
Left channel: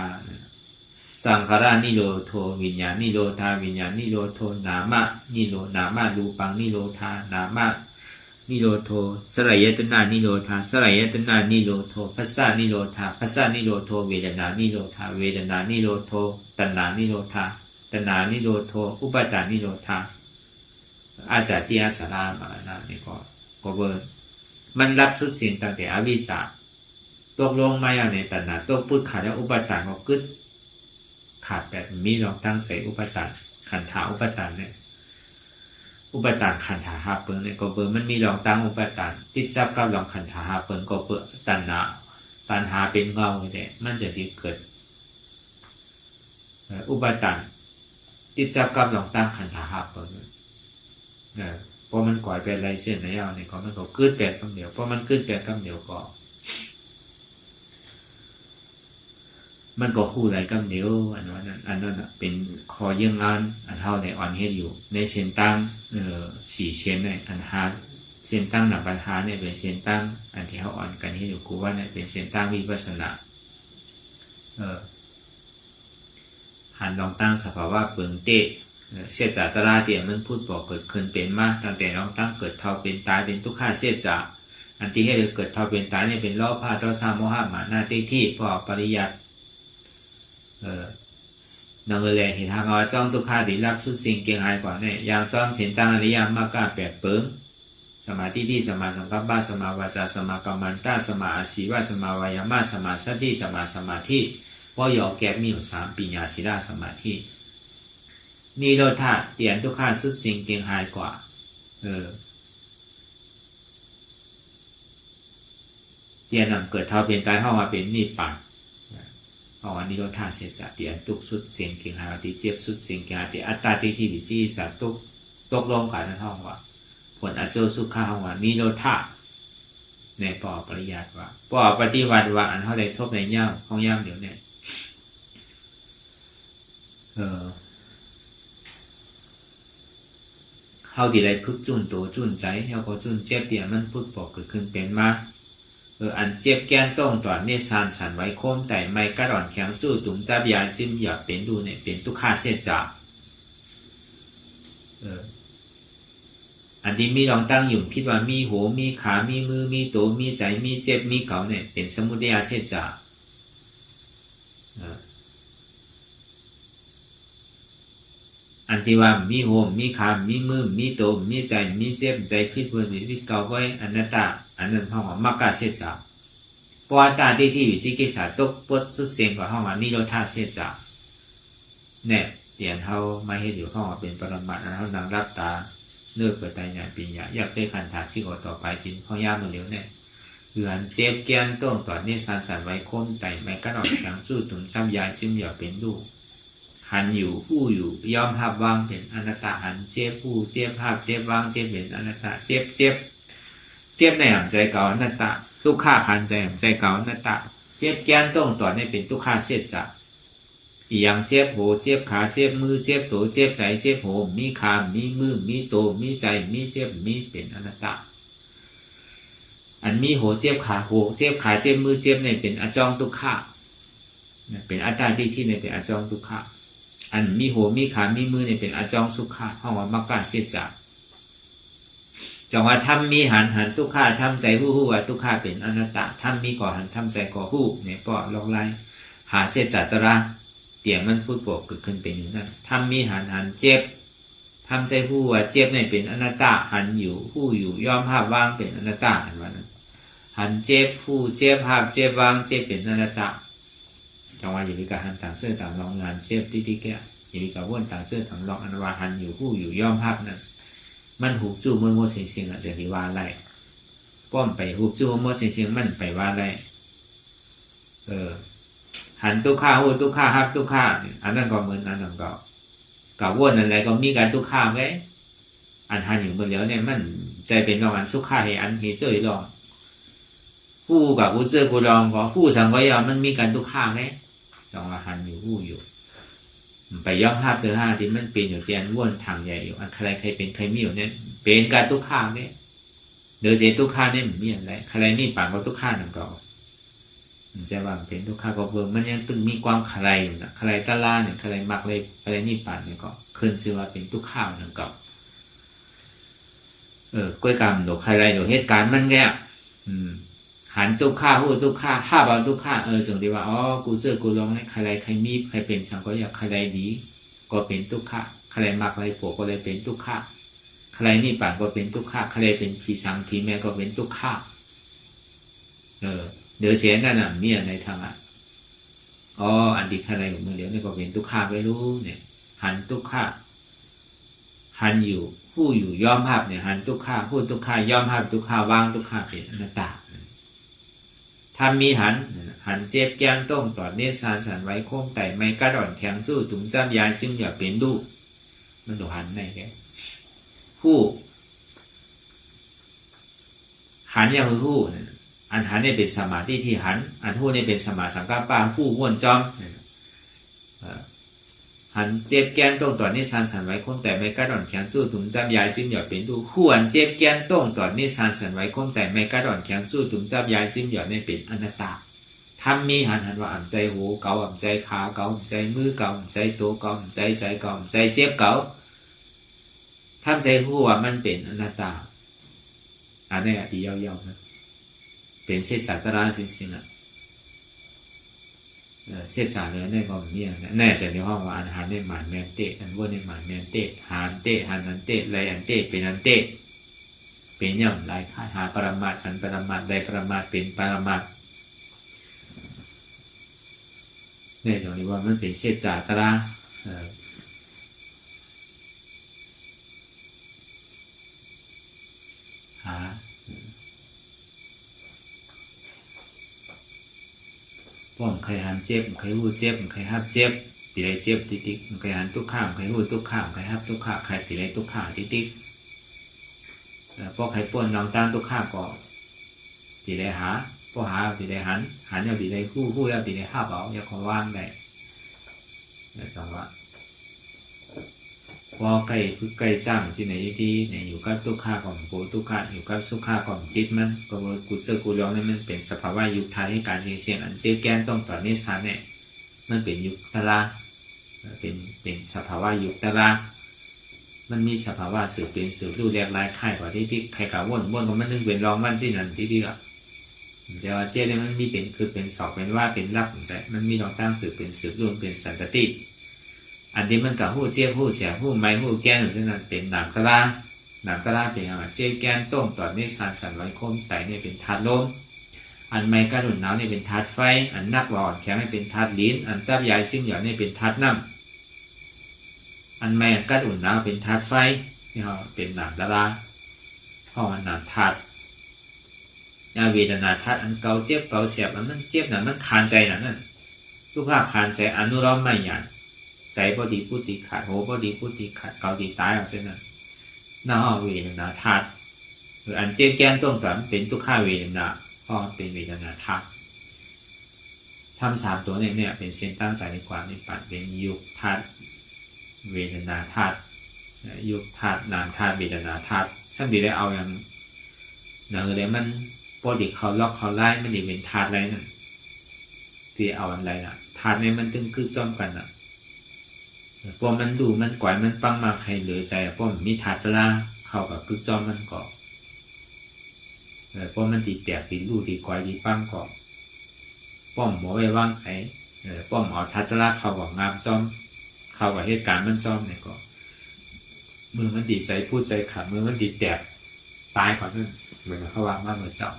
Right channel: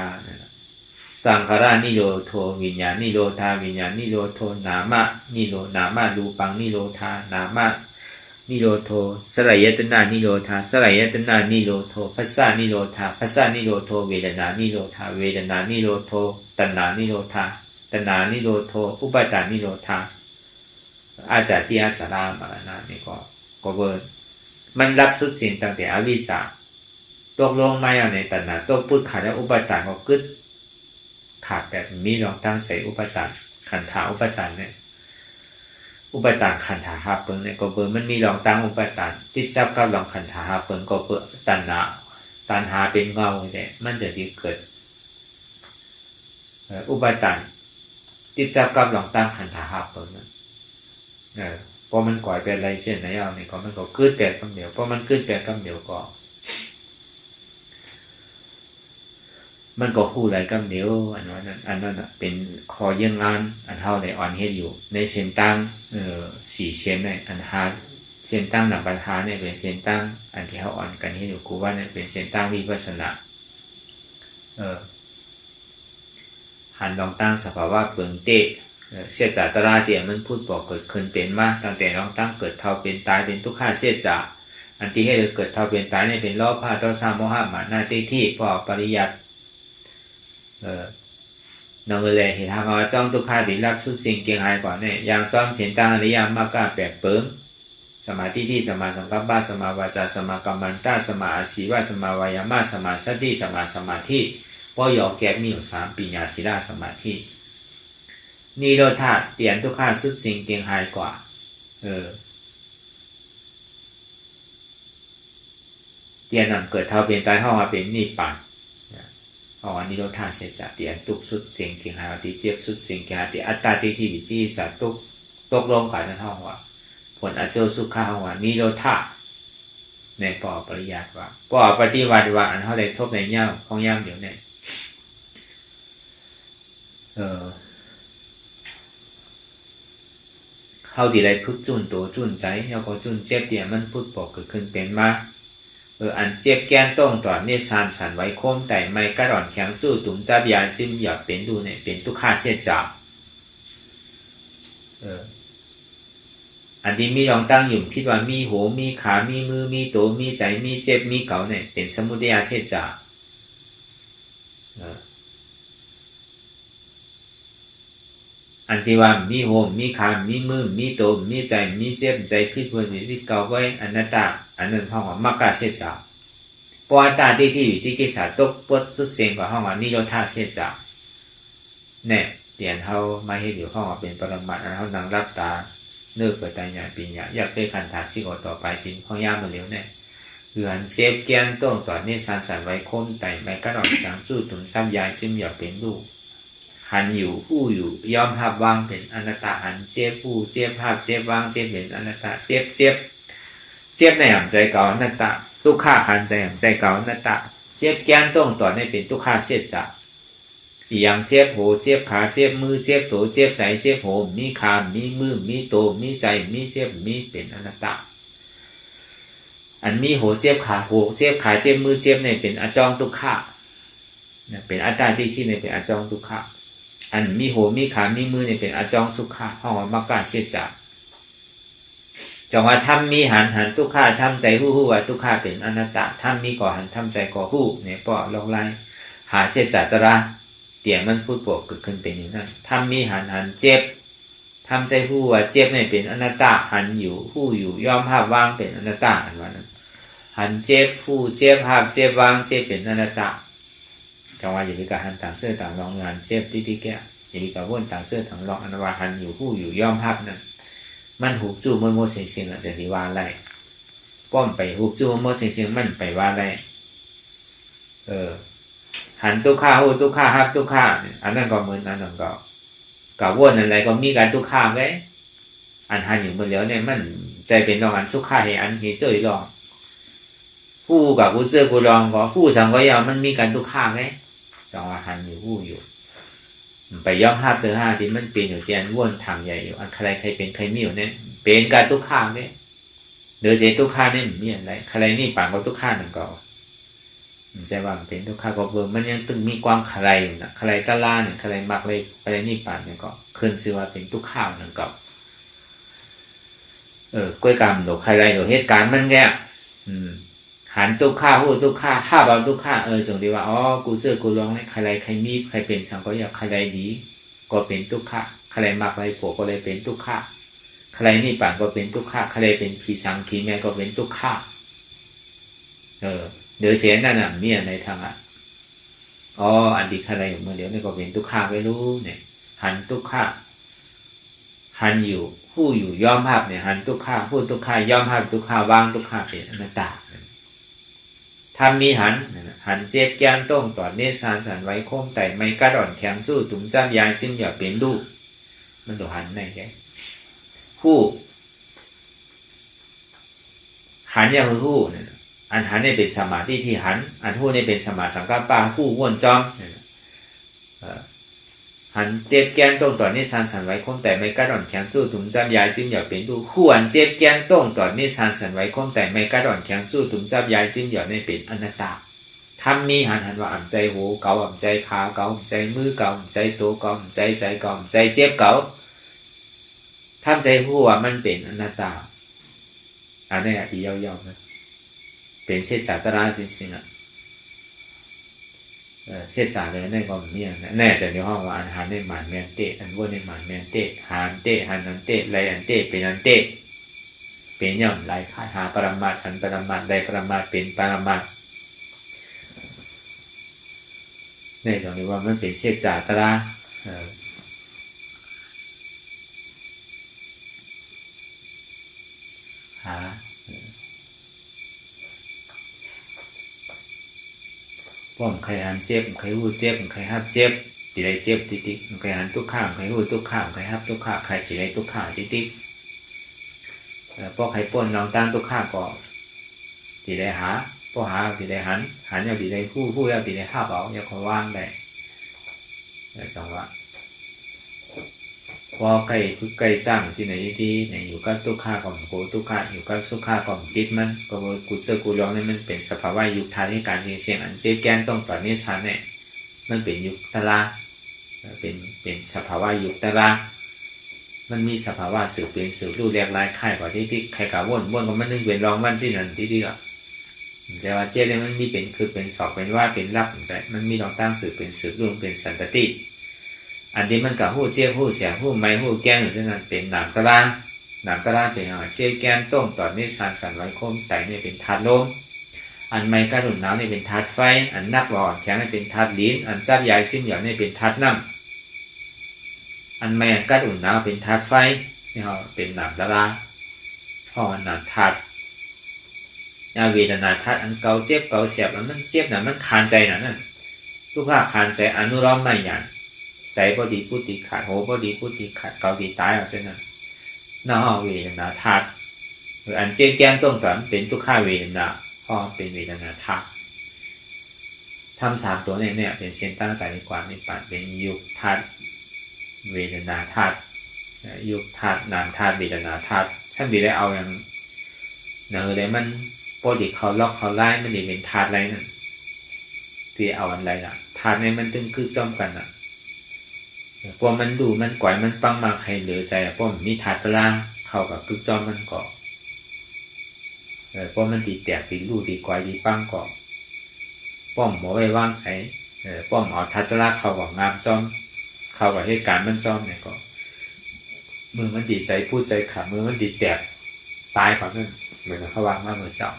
สังขารานิโรโทวิญญาณนิโรธาวิญญาณนิโรโทนามะนิโรนามะรูปังนิโรธานามะนิโรโทสลายยตนานิโรธาสลายยตนานิโรโทภัสสะนิโรธาภัสสะนิโรโทเวทนานิโรธาเวทนานิโรโทตัณหานิโรธาตัณหานิโรโทอุปาทานนิโรธาอาจาติอาสารามรณะนี่ก็เวิร์ดมันรับสุดสิ่งตั้งแต่อวิชชาตกลงมาอย่างในตัณหาตกพุทธขาดและอุปาทานก็กึศขาดแบบมีลองตั้งใจอุปาทานขันธาอุปาทานเนี่ยอุปาทานขันธาหาเปิงเนี่ยก็เบิ่งมันมีลองตั้งอุปาทานติดจับกับลองขันธาหาเปิงก็เปิดตัณหาเป็นเงาเนี่ยมันจะที่เกิดอุปาทานติดจับกับลองตั้งขันธาหาเปิงพอมันก่อยเป็นอะไรเส้นไหนเอาเนี่ยก็มันก็กึศแปลกคำเดียวพอมันกึศแปลกคำเดียวก็ มันก็คู่ไรกับเดียวอันนั้นเป็นคอเยี่ยงงานอันเท่าในอ่อนเฮ็ดอยู่ในเส้นตั้งสี่เส้นในอันหาเส้นตั้งหนักปัญหาเนี่ยเป็นเส้นตั้งอันที่เขาอ่อนกันเฮ็ดอยู่กูว่าเนี่ยเป็นเส้นตั้งวิปัสสนาหันลองตั้งสภาวะเปลืองเตะเสียจากตราเตียมันพูดบอกเกิดขึ้นเป็นมาตั้งแต่ลองตั้งเกิดเท่าเป็นตายเป็นทุกข้าเสียจากอันที่ให้เกิดเท่าเป็นตายเนี่ยเป็นล้อผ้าต่อสามโมหะมานาที่พอปริยัตินั่นเลยเห็นทางว่าจ้องทุกข้าดีรับสุดสิ่งเกียงหายก่อนเนี่ยอย่างจ้อมเสียนตั้งอริยมรรคแปดเปิงสมาธิที่สมาสังกัปปะสมาวาจาสมากัมมันตาสมาอาชีวะสมาวายามะสมาสติสมาสมาธิพอยอแก็บมีอยู่3ปัญญาศีลสมาธินิโรธาเปลี่ยนทุกข้าสุดสิ่งเกียงหายกว่าเตียนนำเกิดเท่าเป็นตายเท่ามาเป็นนิพพานเพราะว่านิโรธาเสียจากเตียนตุกสุดสิ่งเกียงหายติเจ็บสุดสิ่งเกียงหายติอัตตาติที่วิจิสัตตุกตกลงกันนั่นเท่าว่าผลอเจอสุขาว่านิโรธาในปอปริยัติว่าปอปฏิวัติว่าอันเท่าไรทบในเง่าของย่ำเดี๋ยวเนี่ยเขาที่ไรพึกจุนตัวจุนใจเขาก็จุนเจ็บเตียมันพูดบอกเกิดขึ้นเป็นมาอันเจ็บแก้นต้องตอดเนี่ยชานฉันไว้โค้มแต่ไม่กระดอนแข็งสู้ตุ่มจับยาจิ้มหยอดเป็นดูเนี่ยเป็นทุกข้าเสียจากอันที่มีลองตั้งอยู่คิดว่ามีหัวมีขามีมือมีตัวมีใจมีเจ็บมีเก่าเนี่ยเป็นสมุทัยเสียจากอันที่ว่ามีหัวมีขามีมือมีตัวมีใจมีเจ็บใจคิดว่าที่เก่าไว้อนัตตาอันนั้นห้องว่ามรรคเสียจากปอตาที่วิจิกิจฉาตกปดสุดเสียงกับห้องว่านิโรธาเสียจากเนี่ยเตียนเขามาเห็นอยู่ห้องว่าเป็นปรมัตถ์เขานั่งรับตาเนื้อเกิดตายอย่างปีอย่างอยากได้ขันถากสิ่งต่อไปทิ้งข้อย่ามาเร็วเนี่ยเหือนเจ็บแก้นต้องต่อเนี่ยสารสันไว้คมแต่ไม่กระดองอย่างสู้ถุงซ้ำยายจิ้มหยอดเป็นลูกหันอยู่ผู้อยู่ยอมภาพวางเป็นอนัตตาหันเจ็บผู้เจ็บภาพเจ็บวางเจ็บเป็นอนัตตาเจ็บในหันใจเก่าอนัตตาทุกข้าหันใจหันใจเก่าอนัตตาเจ็บแก้นต้องต่อเนี่ยเป็นทุกข้าเสียจากอย่างเจ็บหัวเจ็บขาเจ็บมือเจ็บตัวเจ็บใจเจ็บหัวมีขามีมือมีตัวมีใจมีเจ็บมีเป็นอนัตตาอันมีหัวเจ็บขาหัวเจ็บขาเจ็บมือเจ็บเนี่ยเป็นอจองทุกข้าเป็นอัตตาที่เนี่ยเป็นอจองทุกข้าอันมีหัวมีขามีมือเนี่ยเป็นอจองสุขะห้องมรรคเสียจากจังว่าทำมีหันทุกข้าทำใจหู้ว่าทุกข้าเป็นอนัตตาทำมีก่อหันทำใจก่อหู้เนี่ยปอลงไล่หาเสียจากตระเตี่ยมันพูดบอกเกิดขึ้นเป็นอย่างนั้นทำมีหันเจ็บทำใจหู้ว่าเจ็บเนี่ยเป็นอนัตตาหันอยู่หู้อยู่ยอมภาพวางเป็นอนัตตาอันว่านั้นหันเจ็บผู้เจ็บภาพเจ็บวางเจ็บเป็นอนัตตาจังว่าอย่าไปกะหันต่างเสื้อต่างรองงานเจ็บที่แก่อย่าไปกะวนต่างเสื้อต่างรองอันว่าหันอยู่หู้อยู่ยอมภาพนั้นมันหูจู่มันโมเสียงจะที่ว่าไรป้อมไปหูจู่มันโมเสียงมันไปว่าไรหันทุกข้าหูทุกข้าฮับทุกข้าอันนั้นก็เหมือนอันนั้นก็กับวนอะไรก็มีการทุกข้าไว้อันหันอยู่บนแล้วเนี่ยมันใจเป็นรองอันสุขข้าให้อันเหตุเจอรองผู้กับผู้เจอผู้รองก็ผู้สังก็ยาวมันมีการทุกข้าไว้จังว่าหันอยู่ผู้อยู่ไปย่อมห้าเตอห้าที่มันเป็นอยู่เตียนวนทางใหญ่อยู่อันใครเป็นใครมีอยู่เนี่ยเป็นการทุกข้าเนี่ยเดือดเสียทุกข้าเนี่ยมีอะไรใครนี่ป่านก็ทุกข้าหนึ่งก็ใจว่าเป็นทุกข้าก็เบิ่มมันยังตึงมีความใครอยู่นะใครตะลาเนี่ยใครมักเลยอะไรนี่ป่านเนี่ยก็ขึ้นชื่อว่าเป็นทุกข้าหนึ่งก็กล้วยกำดอกใครดอกเหตุการณ์มันแก่หันทุกข้าหูทุกข้าห้าบาทุกข้าส่งดีว่าอ๋อกูเสื้อกูร้องเนี่ยใครมีใครเป็นสังก็อยากใครดีก็เป็นทุกข้าใครมักอะไรโผล่ก็เลยเป็นทุกข้าใครนี่ป่านก็เป็นทุกข้าใครเป็นผีสังผีแม่ก็เป็นทุกข้าเดี๋ยวเสียนั่นน่ะมีอะไรทางอันดีใครอยู่เมื่อเดี๋ยวนี่ก็เป็นทุกข้าไม่รู้เนี่ยหันทุกข้าหันอยู่ผู้อยู่ยอมภาพเนี่ยหันทุกข้าผู้ทุกข้ายอมภาพทุกข้าวางทุกข้าเป็นอนัตตาทำมีหันเจ็บแก้มต้งต่อเนสานสันไว้โค้งแต่ไม่กระดอนแข็งสู้ถุงจ้ำยาจิ้มหยอดเป็นลูกมันดูหันในแกผู้หันยาคือผู้ อันหันนี่เป็นสมาธิที่หันอันหู้นี่เป็นสมาสังกัปปะหู้ว่วนจอมหันเจ็บแกนตรงต่อนี่สานสันไว้คงแต่ไม่กระดอนแข็งสู้ถุงจับยายจิ้มอย่าเป็นดูหู้อันเจ็บแกนตรงต่อนี่สานสันไว้คงแต่ไม่กระดอนแข็งสู้ถุงจับยายจิ้มอย่าไม่เป็นอนัตตาทำมีหันว่าอ่ำใจหูเกาอ่ำใจขาเกาอ่ำใจมือเกาอ่ำใจตัวเกาอ่ำใจใจเกาอ่ำใจเจ็บเกาทำใจหูว่ามันเป็นอนัตตาอันนี้ดียาวๆนะเป็นเศษจากตราสิสินะเศษจากเลยในก็มีแน่จะเรียกว่าอันหันในหมันแมนเตะอันวนในหมันแมนเตะหันเตะหันนันเตะไรอันเตะเป็นอันเตะเป็นย่อมไรขายหาปรมาหันปรมาได้ปรมาเป็นปรมาเนี่ยจะเรียกว่ามันเป็นเศษจากตราหาป้อมใครหันเจ็บใครหู้เจ็บใครฮับเจ็บตีได้เจ็บติ๊กใครหันทุกข้างใครหู้ทุกข้างใครฮับทุกข้างใครตีได้ทุกข้างติ๊กพอใครป้นลองตามทุกข้างก็ตีได้หาพอหาตีได้หันเอาตีได้หู้เอาตีได้ฮับเอาอย่าเขาว่างได้จังหวะพอใกล้สร้างที่ไหนที่ไหนอยู่กับทุกข้าของโกทุกข้าอยู่กับสุข้าของติดมันก็กุศลกุลองนี่มันเป็นสภาวะยุคทาที่การเชี่ยงอันเจ็บแก้มต้องต่อเนสานเนี่ยมันเป็นยุคตลาเป็นสภาวะยุคตลามันมีสภาวะสืบเป็นสืบรูปแรกลายค่ายกว่าที่ใครขาวนก็มันนึกเป็นรองวันที่นั่นที่ก็แต่ว่าเจ็บเนี่ยมันมีเป็นคือเป็นสอบเป็นว่าเป็นรับมันมีรองตั้งสืบเป็นสืบรูปเป็นสันตติอันที่มันกับหู้เจี๊ยบหู้เสียหู้ไม้หู้แก้งอยู่เช่นนั้นเป็นหนามตะลาเป็นเจี๊ยบแก้นต้มต่อนี่สานสันไว้คมแต่นี่เป็นธาตุลมอันไม้กระดุนน้ำนี่เป็นธาตุไฟอันนักหล่อแข็งนี่เป็นธาตุลิ้นอันจับยายชิ้นเหยานี่เป็นธาตุน้ำอันไม้กระดุนน้ำเป็นธาตุไฟนี่เขาเป็นหนามตะลาพอหนามธาตุเวทนาธาตุอันเกาเจ็บเกาเสียบมันเจ็บน่ะมันคานใจน่ะนั่นทุกข้าคานใจอนุรักษ์ไม่หยาดใจพอดีพูดตีขาดโหพอดีพูดตีขาดเกาตีตายเอาเช่นนั้นน่าห้อเวทนาธาตุหรืออันเจ็บแก้มต้นก่อนเป็นทุกข้าเวทนาพอเป็นเวทนาธาตุทำสามตัวเนี่ยเป็นเส้นตั้งแต่ในความนิพพานเป็นยุคธาตุเวทนาธาตุยุคธาตุนามธาตุเวทนาธาตุช่างดีได้เอาอย่างเนื้อเลยมันปกติเขาล็อกเขาไล่มันจะเป็นธาตุอะไรนั่นที่เอาอะไรล่ะธาตุเนี่ยมันตึงคือจ้อมกันอ่ะพอมันดูมันก่อยมันปังมาใครเหลือใจเพราะมีธาตุตะลาเข้ากับพึกจ้อมมันก่อเพราะมันตีแตกตีรูตีก่อยตีปังก่อป้อมหมอไว้ว่างใช้ป้อมเอาธาตุตะลาเข้ากับงามจ้อมเข้ากับเหตุการณ์มันจ้อมเนี่ยก็มือมันดีใจพูดใจขาดมือมันดีแตกตายก่อนนั่นเหมือนเขาวางมาเหมือนเจ้า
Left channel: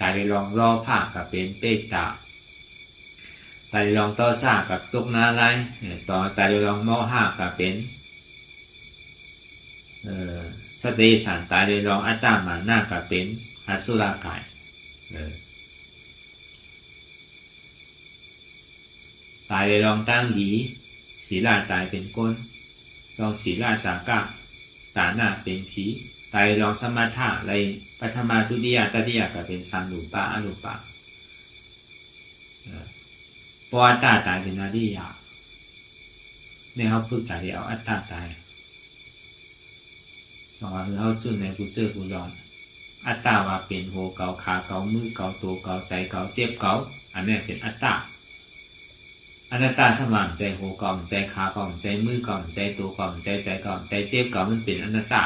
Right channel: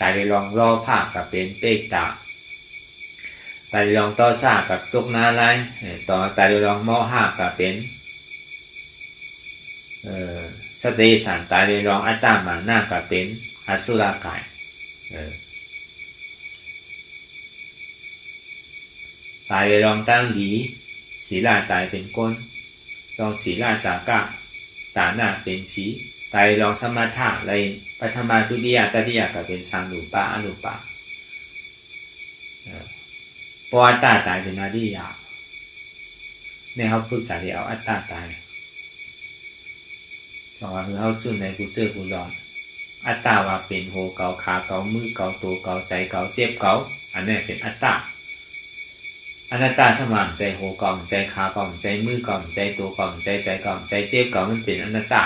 ตายเลยลองล่อผ้ากับเป็นเป๊กตาตายลองต่อซ่ากับตุกนาไลต่อตายลองหม้อห้ากับเป็นสติสันตายลองอัตตามาหน้ากับเป็นอสุรกายตายลองตั้งหลีศีลาตายเป็นก้นลองศีลาจากะตาหน้าเป็นผีตายลองสมถะอะไรปัทมาทุติยตติยกับเป็นสังรูปะอรูปะพออัตตาตายเป็นอริยะเนี่ยเขาพึกแต่เดียวอัตตาตายสองว่าคือเขาจุ่นในกูเจอกูร้อนอัตตาว่าเป็นโหเกาขาเกามือเกาตัวเกาใจเกาเจ็บเกาอันนี้เป็นอัตตาอนัตตาสมานใจโหเกาใจขาเกาใจมือเกาใจตัวเกาใจใจเกาใจเจ็บเกามันเป็นอนัตตา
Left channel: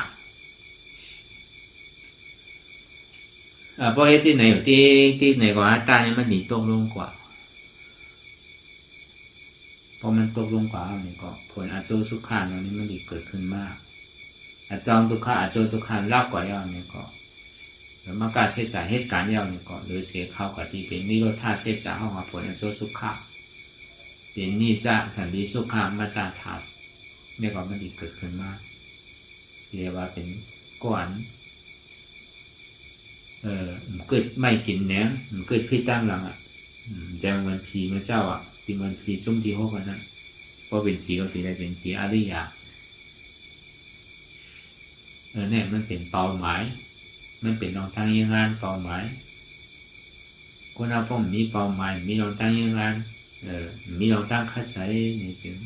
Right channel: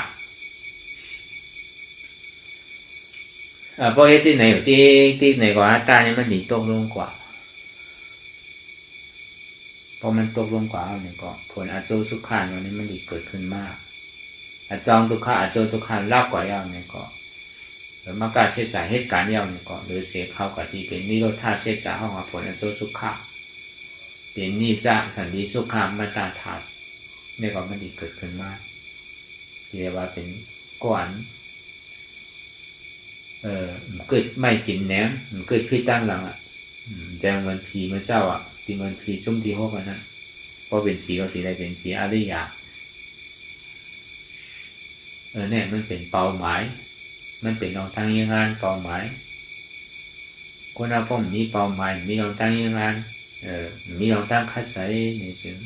เพราะเหตุไหนที่ไหนกว่าอัตตานี่มันหนีตกลงกว่าพอมันตกลงกว่าเอาเนี่ยก็ผลอาโจสุขานวันนี้มันดีเกิดขึ้นมากอาจองทุกขาอาโจทุกขาลาบกว่าเอาเนี่ยก็หรือมากาเสียใจเหตุการณ์เอาเนี่ยก็หรือเสียเข้ากับที่เป็นนิโรธาเสียใจห้องผลอาโจสุขาเป็นนิจสันติสุขามาตาถาดเนี่ยก็มันดีเกิดขึ้นมากเรียกว่าเป็นก้อนเกิดไม่กินแหนมเกิดพิษตั้งหลังแจงวันพีเมื่อเจ้าที่มันผีชุ่มที่หกนะเพราะเป็นผีเราตีได้เป็นผีอริยะเนี่ยมันเป็นเป้าหมายมันเป็นทางยังงานเป้าหมาย คนเราก็มีเป้าหมายมีลองตั้งยังไงมีลองตั้งคัดใส่ในสิ่ง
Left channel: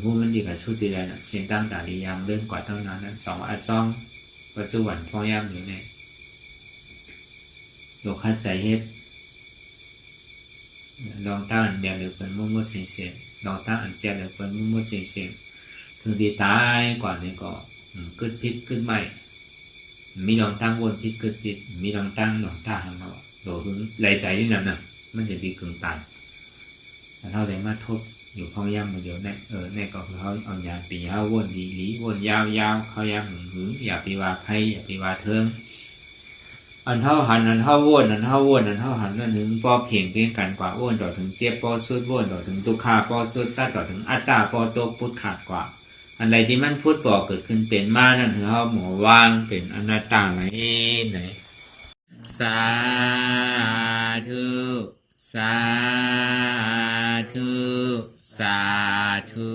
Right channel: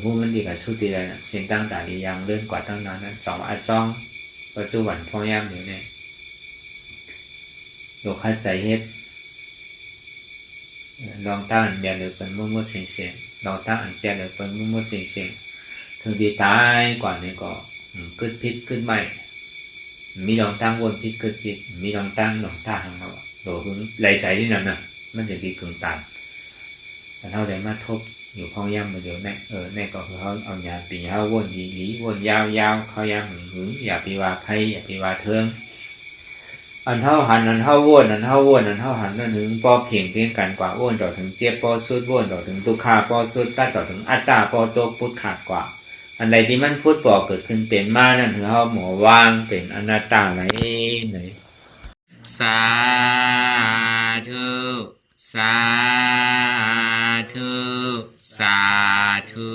ผู้มันดีกับสุดที่ใดนะเส้นตั้งแต่ดียังเลื่อนกว่าตั้งนานนั้นจองอาจ้องปัจจุบันพอยามอยู่เนี่ยโยคัดใจเฮ็ดลองตั้งเดียวเลยเป็นมุ่งๆเสียงๆลองตั้งอันแจเลยเป็นมุ่งๆเสียงๆถึงดีตายก่อนเนี่ยก็ขึ้นพิษขึ้นใหม่มีลองตั้งวนพิษขึ้นพิษมีลองตั้งหลงตาหังเราโดดหุ่นไหลใจที่นั่นน่ะมันจะดีถึงตามแต่เท่าใดมาทบอยู่พอยามมาเดียวเนี่ยเนี่ยก็คือเขาเอายาปีเขาวนดีหลีวนยาวๆเขายามหึงอย่าไปว่าไพ่อย่าไปว่าเทิงอันเท่าหันอันเท่าวนอันเท่าวนอันเท่าหันนั่นถึงปอเพียงเพียงกันกว่าวนต่อถึงเจ็บปอสุดวนต่อถึงตุกขาปอสุดตัดต่อถึงอัตตาปอโตพุทธขาดกว่าอันใดที่มันพุทธก่อเกิดขึ้นเป็นมานั่นคือเขาหมอวางเป็นอนัตตาไว้ไหนสาธุสาธุสาธุ